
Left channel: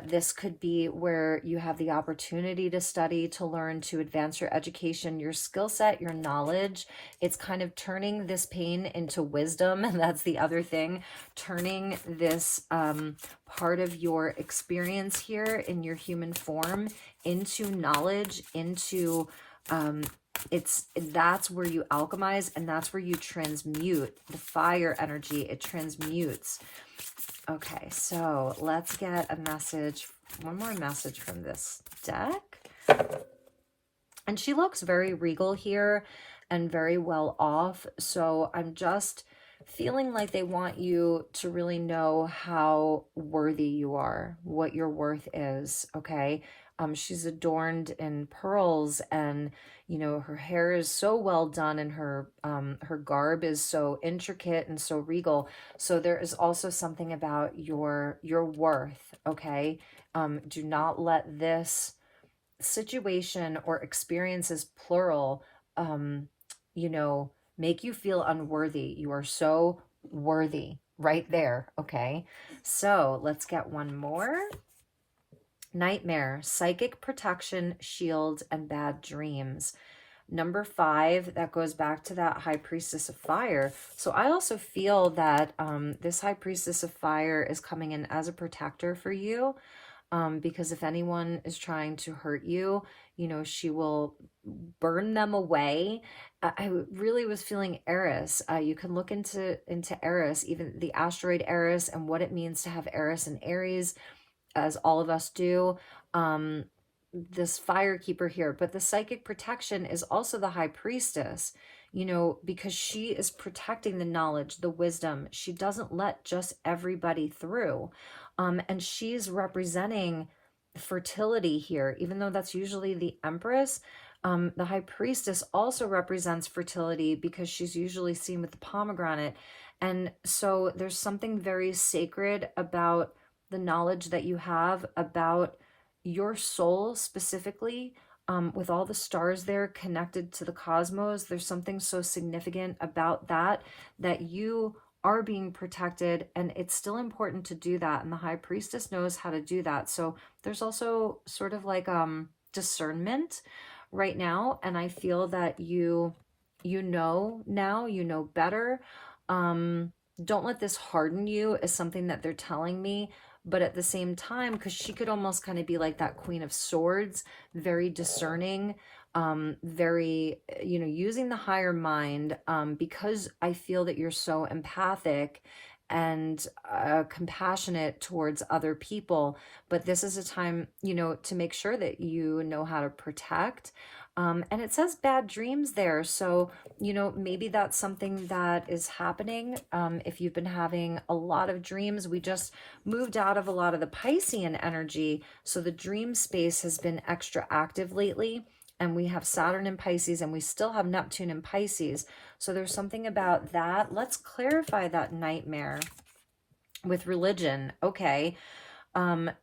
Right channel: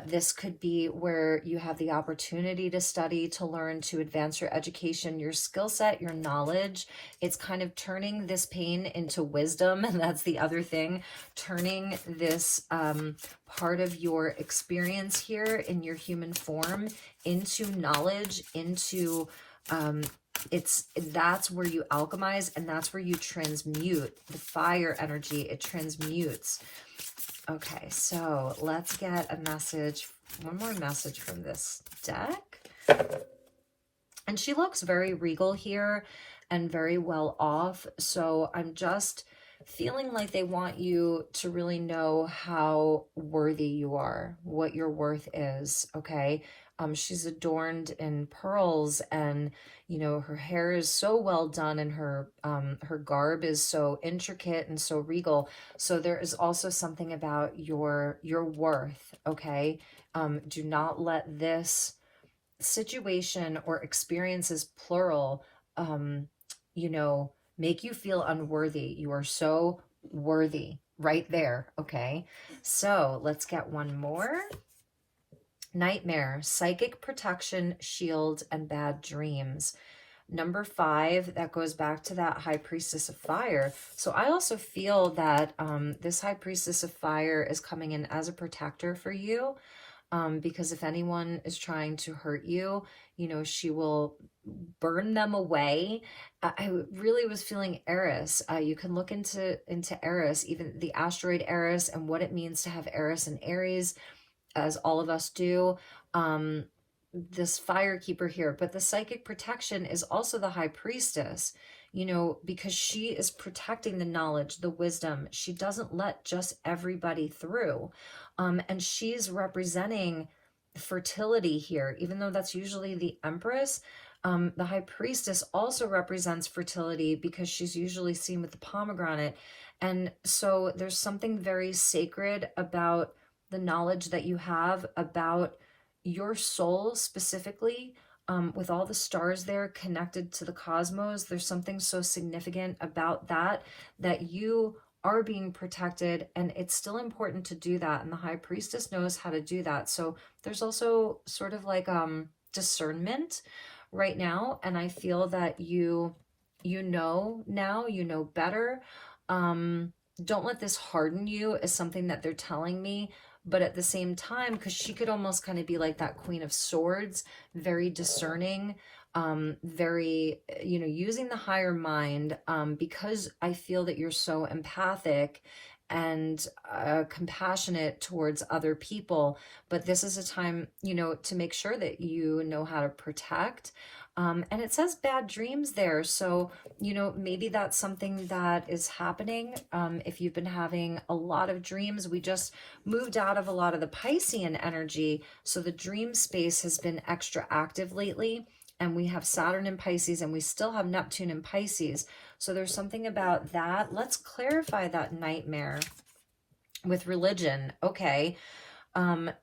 this could be where you have the opportunity to study, to learn, to advance your education, your skill set, your knowledge. It's kind of turning this pain into wisdom. And that's the other thing, turning this part of your experience here in your human form into knowledge, into that's where you alchemize, and that's where you transmute the fire energy. It transmutes. Okay, so let's get a message, one more message from this deck. And she looks very regal here and very well off. So I'm just feeling like they want you to really know how worthy you are, what your worth is, okay? She's adorned in pearls, and her hair is so well done, and her garb is so intricate and so regal. So there is also something about your worth, okay? Do not let this situation or experiences, plural, make you feel unworthy. You are so worthy right there, okay? So let's get one more. Nightmare, psychic protection, shield, and bad dreams. Number 5, that goes back to that high priestess of fire. So I also feel that this high priestess of fire is coming in as a protector for you, because if anyone is trying to hurt you, she will burn them away. I really was feeling Eris. You can look into Eris, even the asteroid Eris, and what it means to have Eris and Aries, as all of us do. This fire keeper here, but the psychic protection is also the high priestess, because she is protecting the knowledge, the wisdom. She doesn't let just everybody through. And she's representing fertility here, even though that's usually the Empress. The high priestess also represents fertility because she's usually seen with the pomegranate. And so there's something very sacred about the knowledge that you have about your soul specifically, with all the stars there connected to the cosmos. There's something so significant about that you are being protected, and it's still important to do that. And the high priestess knows how to do that. So there's also sort of like discernment right now, and I feel that you know now, you know better. Um, don't let this harden you is something that they're telling me. But at the same time, because she could almost kind of be like that Queen of Swords, very discerning, very, using the higher mind, because I feel that you're so empathic and compassionate towards other people. But this is a time, to make sure that you know how to protect. And it says bad dreams there. So, maybe that's something that is happening. If you've been having a lot of dreams, we just moved out of a lot of the Piscean energy. So the dream space has been extra active lately. And we have Saturn in Pisces, and we still have Neptune in Pisces. So there's something about that. Let's clarify that nightmare with religion. Okay.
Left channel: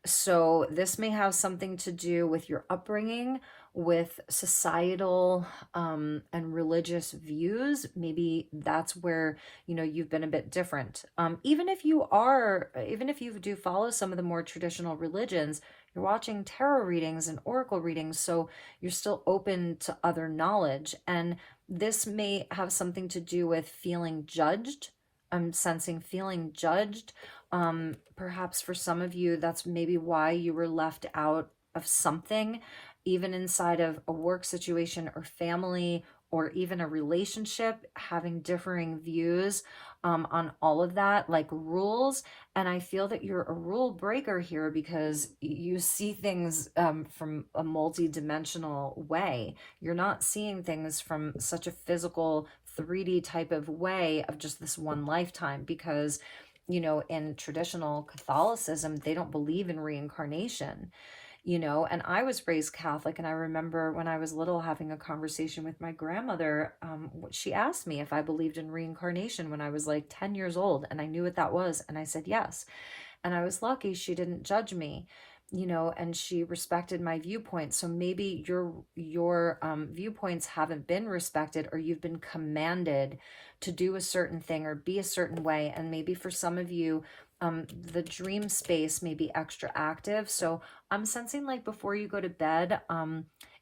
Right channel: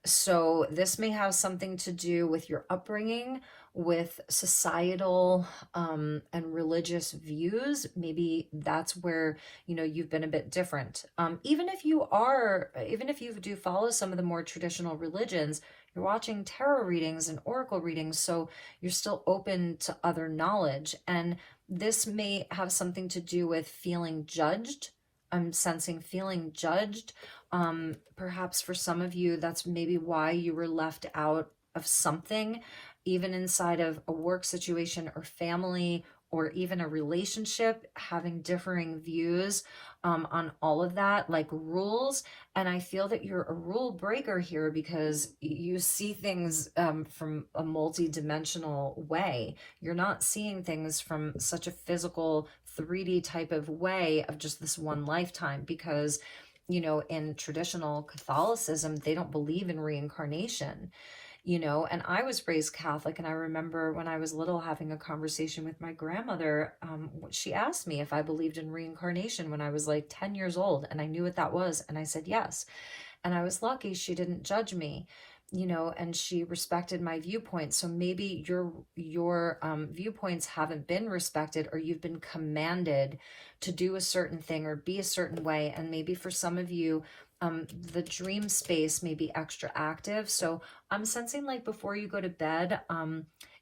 So this may have something to do with your upbringing, with societal and religious views. Maybe that's where, you've been a bit different. Even if you do follow some of the more traditional religions, you're watching tarot readings and oracle readings, so you're still open to other knowledge. And this may have something to do with feeling judged. I'm sensing feeling judged. Perhaps for some of you, that's maybe why you were left out of something, even inside of a work situation or family or even a relationship, having differing views on all of that, like rules. And I feel that you're a rule breaker here because you see things from a multi-dimensional way. You're not seeing things from such a physical 3D type of way of just this one lifetime, because in traditional Catholicism, they don't believe in reincarnation, and I was raised Catholic. And I remember when I was little having a conversation with my grandmother. She asked me if I believed in reincarnation when I was like 10 years old. And I knew what that was. And I said, yes. And I was lucky she didn't judge me, and she respected my viewpoint. So maybe your viewpoints haven't been respected, or you've been commanded to do a certain thing or be a certain way. And maybe for some of you, the dream space may be extra active. So I'm sensing like before you go to bed,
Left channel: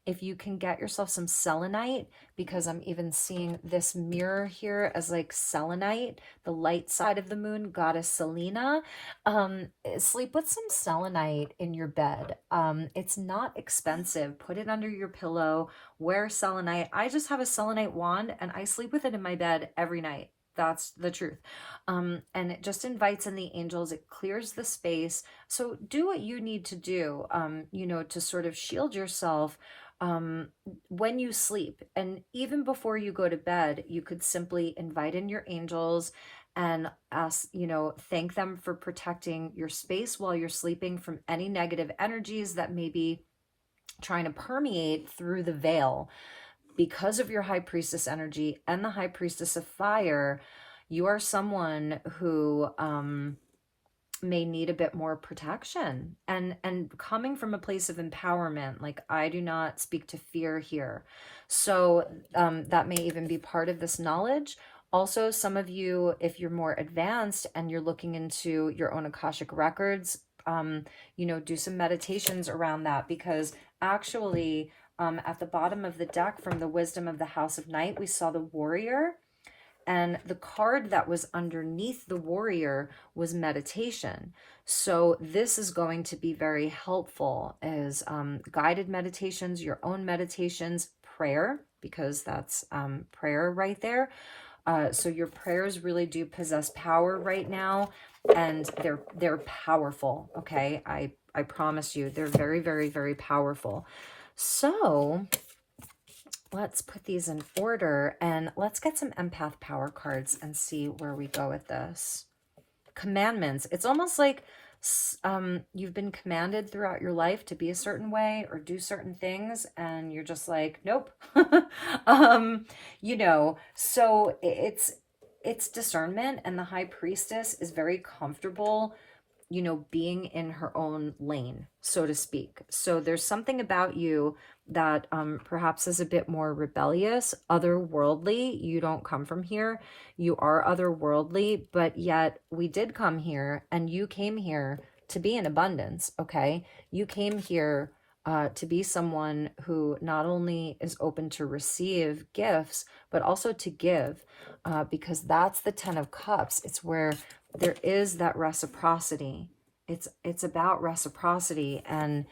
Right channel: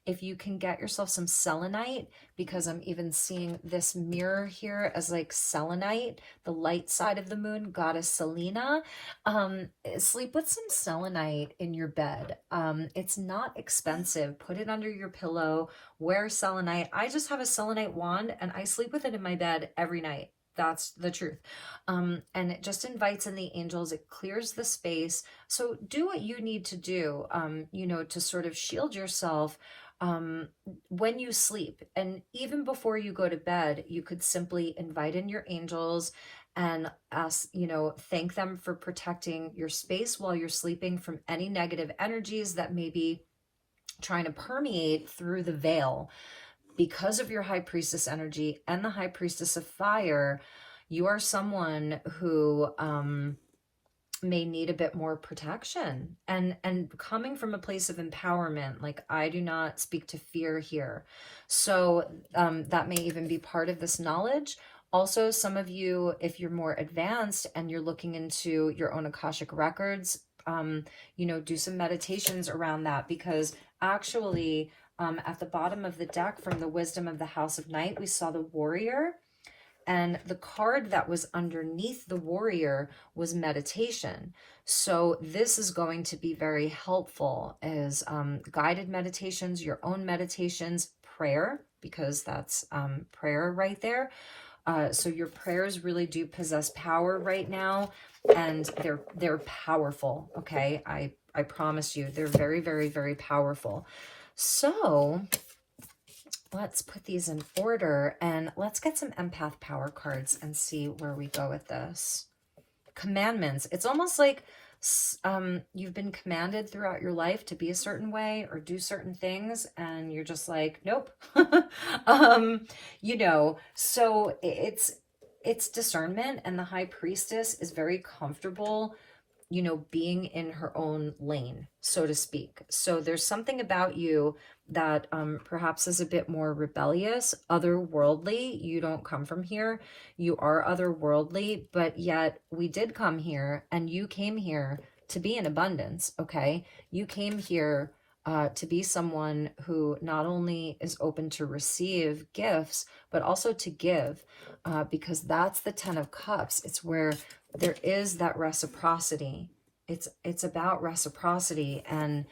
if you can get yourself some selenite, because I'm even seeing this mirror here as like selenite, the light side of the moon, goddess Selena. Sleep with some selenite in your bed. It's not expensive. Put it under your pillow, wear selenite. I just have a selenite wand and I sleep with it in my bed every night. That's the truth. And it just invites in the angels. It clears the space. So do what you need to do, to sort of shield yourself when you sleep. And even before you go to bed, you could simply invite in your angels and ask, thank them for protecting your space while you're sleeping from any negative energies that may be trying to permeate through the veil. Because of your high priestess energy and the high priestess of fire, you are someone who may need a bit more protection, and coming from a place of empowerment. Like, I do not speak to fear here. So that may even be part of this knowledge. Also, some of you, if you're more advanced and you're looking into your own Akashic records, do some meditations around that, because actually, at the bottom of the deck from the Wisdom of the House of Night, we saw the warrior, and the card that was underneath the warrior was meditation. So this is going to be very helpful as guided meditations, your own meditations, prayer, because that's prayer right there. So your prayers really do possess power right now, and they're powerful. Okay, I promise you, they're very, very, very powerful. So let's put these in order and let's get some empath power cards and see where we go with this. Commandments. It's almost like you've been commanded throughout your life to be a certain way or do certain things, and you're just like, nope. So it's discernment, and the high priestess is very comfortable being in her own lane, so to speak. So there's something about you that perhaps is a bit more rebellious, otherworldly. You don't come from here. You are otherworldly, but yet we did come here, and you came here to be in abundance, okay? You came here to be someone who not only is open to receive gifts, but also to give, because that's the Ten of Cups. It's where there is that reciprocity. It's about reciprocity, and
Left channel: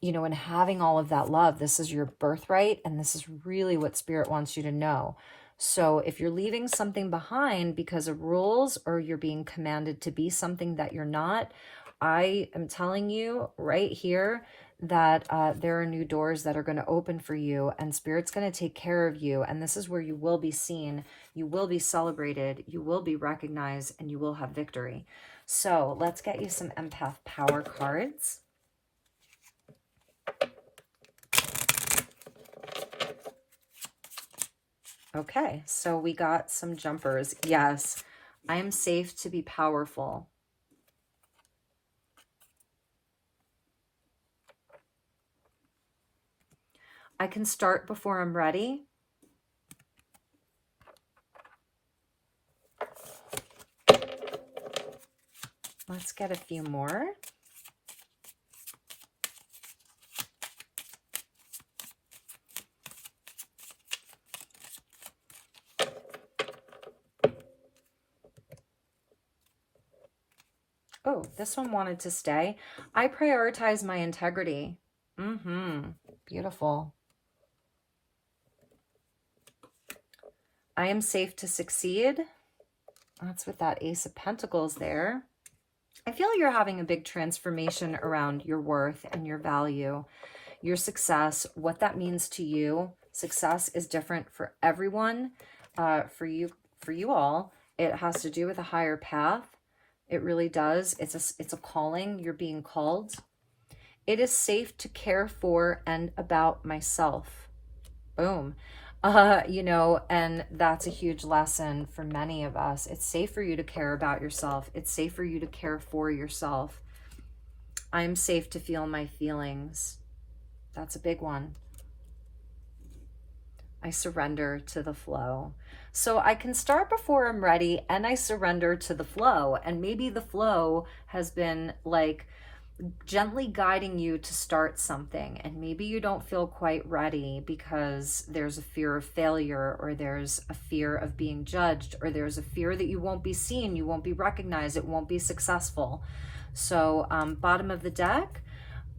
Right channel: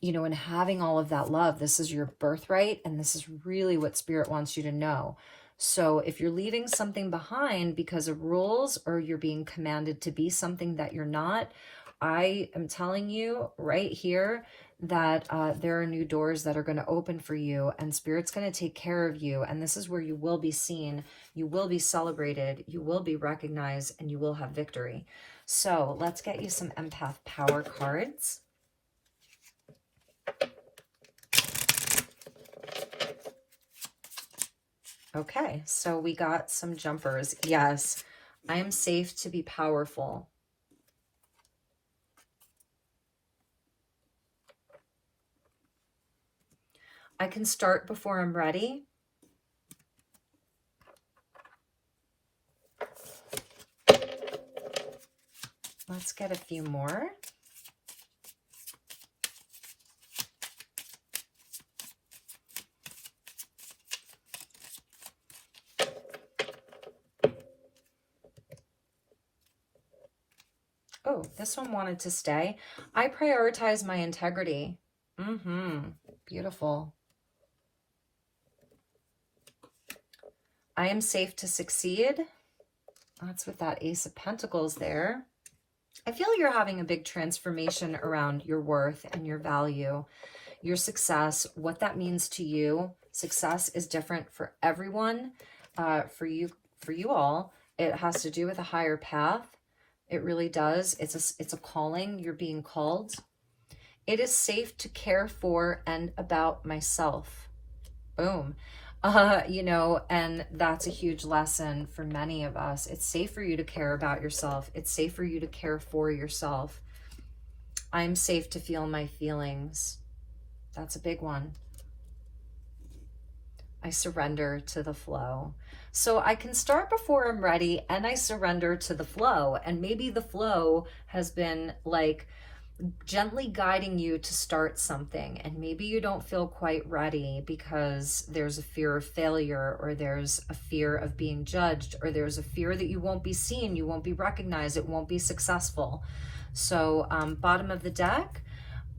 and having all of that love. This is your birthright, and this is really what Spirit wants you to know. So if you're leaving something behind because of rules, or you're being commanded to be something that you're not, I am telling you right here that there are new doors that are going to open for you, and Spirit's going to take care of you. And this is where you will be seen, you will be celebrated, you will be recognized, and you will have victory. So let's get you some empath power cards. Okay, so we got some jumpers. Yes, I am safe to be powerful. I can start before I'm ready. Let's get a few more. Oh, this one wanted to stay. I prioritize my integrity. Beautiful. I am safe to succeed. That's with that Ace of Pentacles there. I feel you're having a big transformation around your worth and your value, your success, what that means to you. Success is different for everyone. For you all, it has to do with a higher path. It really does. It's a calling. You're being called. It is safe to care for and about myself. Boom. And that's a huge lesson for many of us. It's safe for you to care about yourself. It's safe for you to care for yourself. I'm safe to feel my feelings. That's a big one. I surrender to the flow. So I can start before I'm ready, and I surrender to the flow. And maybe the flow has been like gently guiding you to start something, and maybe you don't feel quite ready because there's a fear of failure, or there's a fear of being judged, or there's a fear that you won't be seen, you won't be recognized, it won't be successful. So bottom of the deck,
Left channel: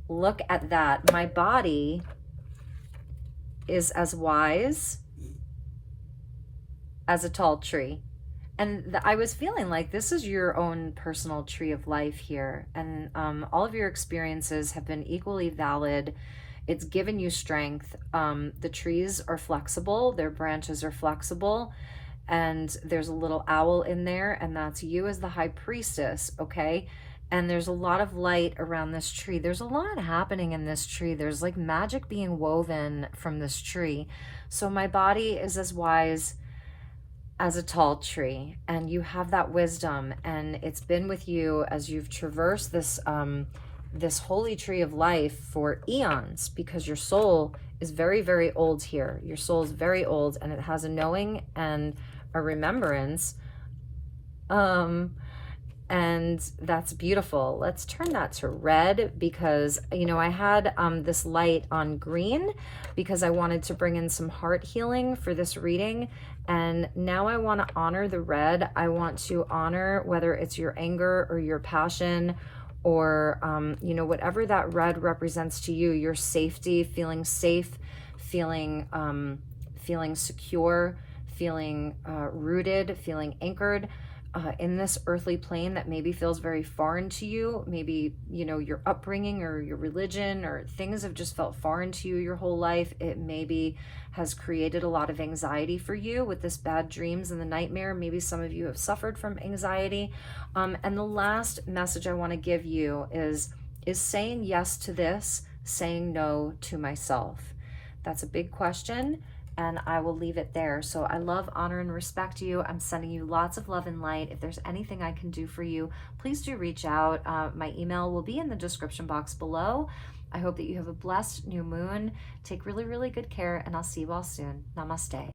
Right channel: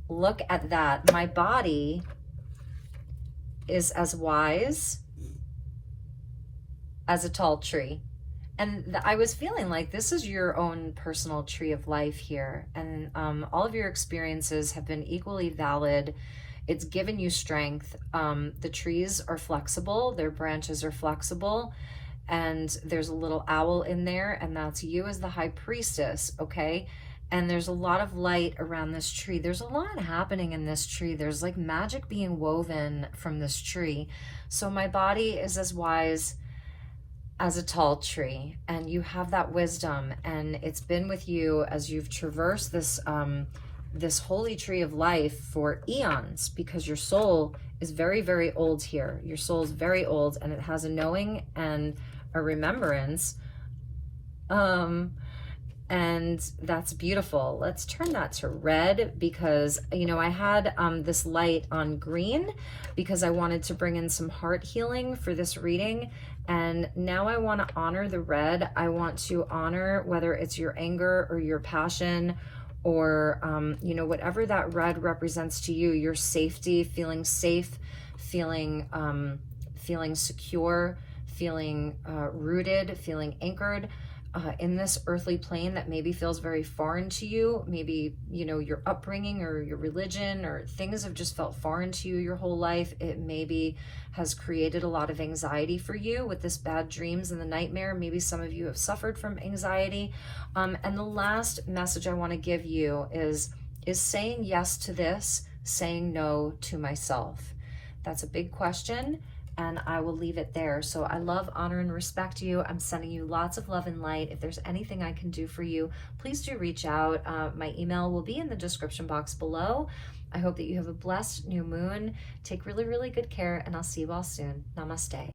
look at that. My body is as wise as a tall tree. And I was feeling like this is your own personal tree of life here. And all of your experiences have been equally valid. It's given you strength. The trees are flexible. Their branches are flexible. And there's a little owl in there. And that's you as the high priestess, okay? And there's a lot of light around this tree. There's a lot happening in this tree. There's like magic being woven from this tree. So my body is as wise as a tall tree, and you have that wisdom, and it's been with you as you've traversed this this holy tree of life for eons, because your soul is very, very old here. Your soul is very old, and it has a knowing and a remembrance, and that's beautiful. Let's turn that to red, because I had this light on green because I wanted to bring in some heart healing for this reading. And now I want to honor the red. I want to honor whether it's your anger or your passion, or, whatever that red represents to you, your safety, feeling safe, feeling secure, feeling rooted, feeling anchored in this earthly plane that maybe feels very foreign to you. Maybe, your upbringing or your religion or things have just felt foreign to you your whole life. It maybe has created a lot of anxiety for you with this bad dreams and the nightmare. Maybe some of you have suffered from anxiety. And the last message I want to give you is saying yes to this, saying no to myself. That's a big question, and I will leave it there. So I love, honor, and respect you. I'm sending you lots of love and light. If there's anything I can do for you, please do reach out. My email will be in the description box below. I hope that you have a blessed new moon. Take really, really good care, and I'll see you all soon. Namaste.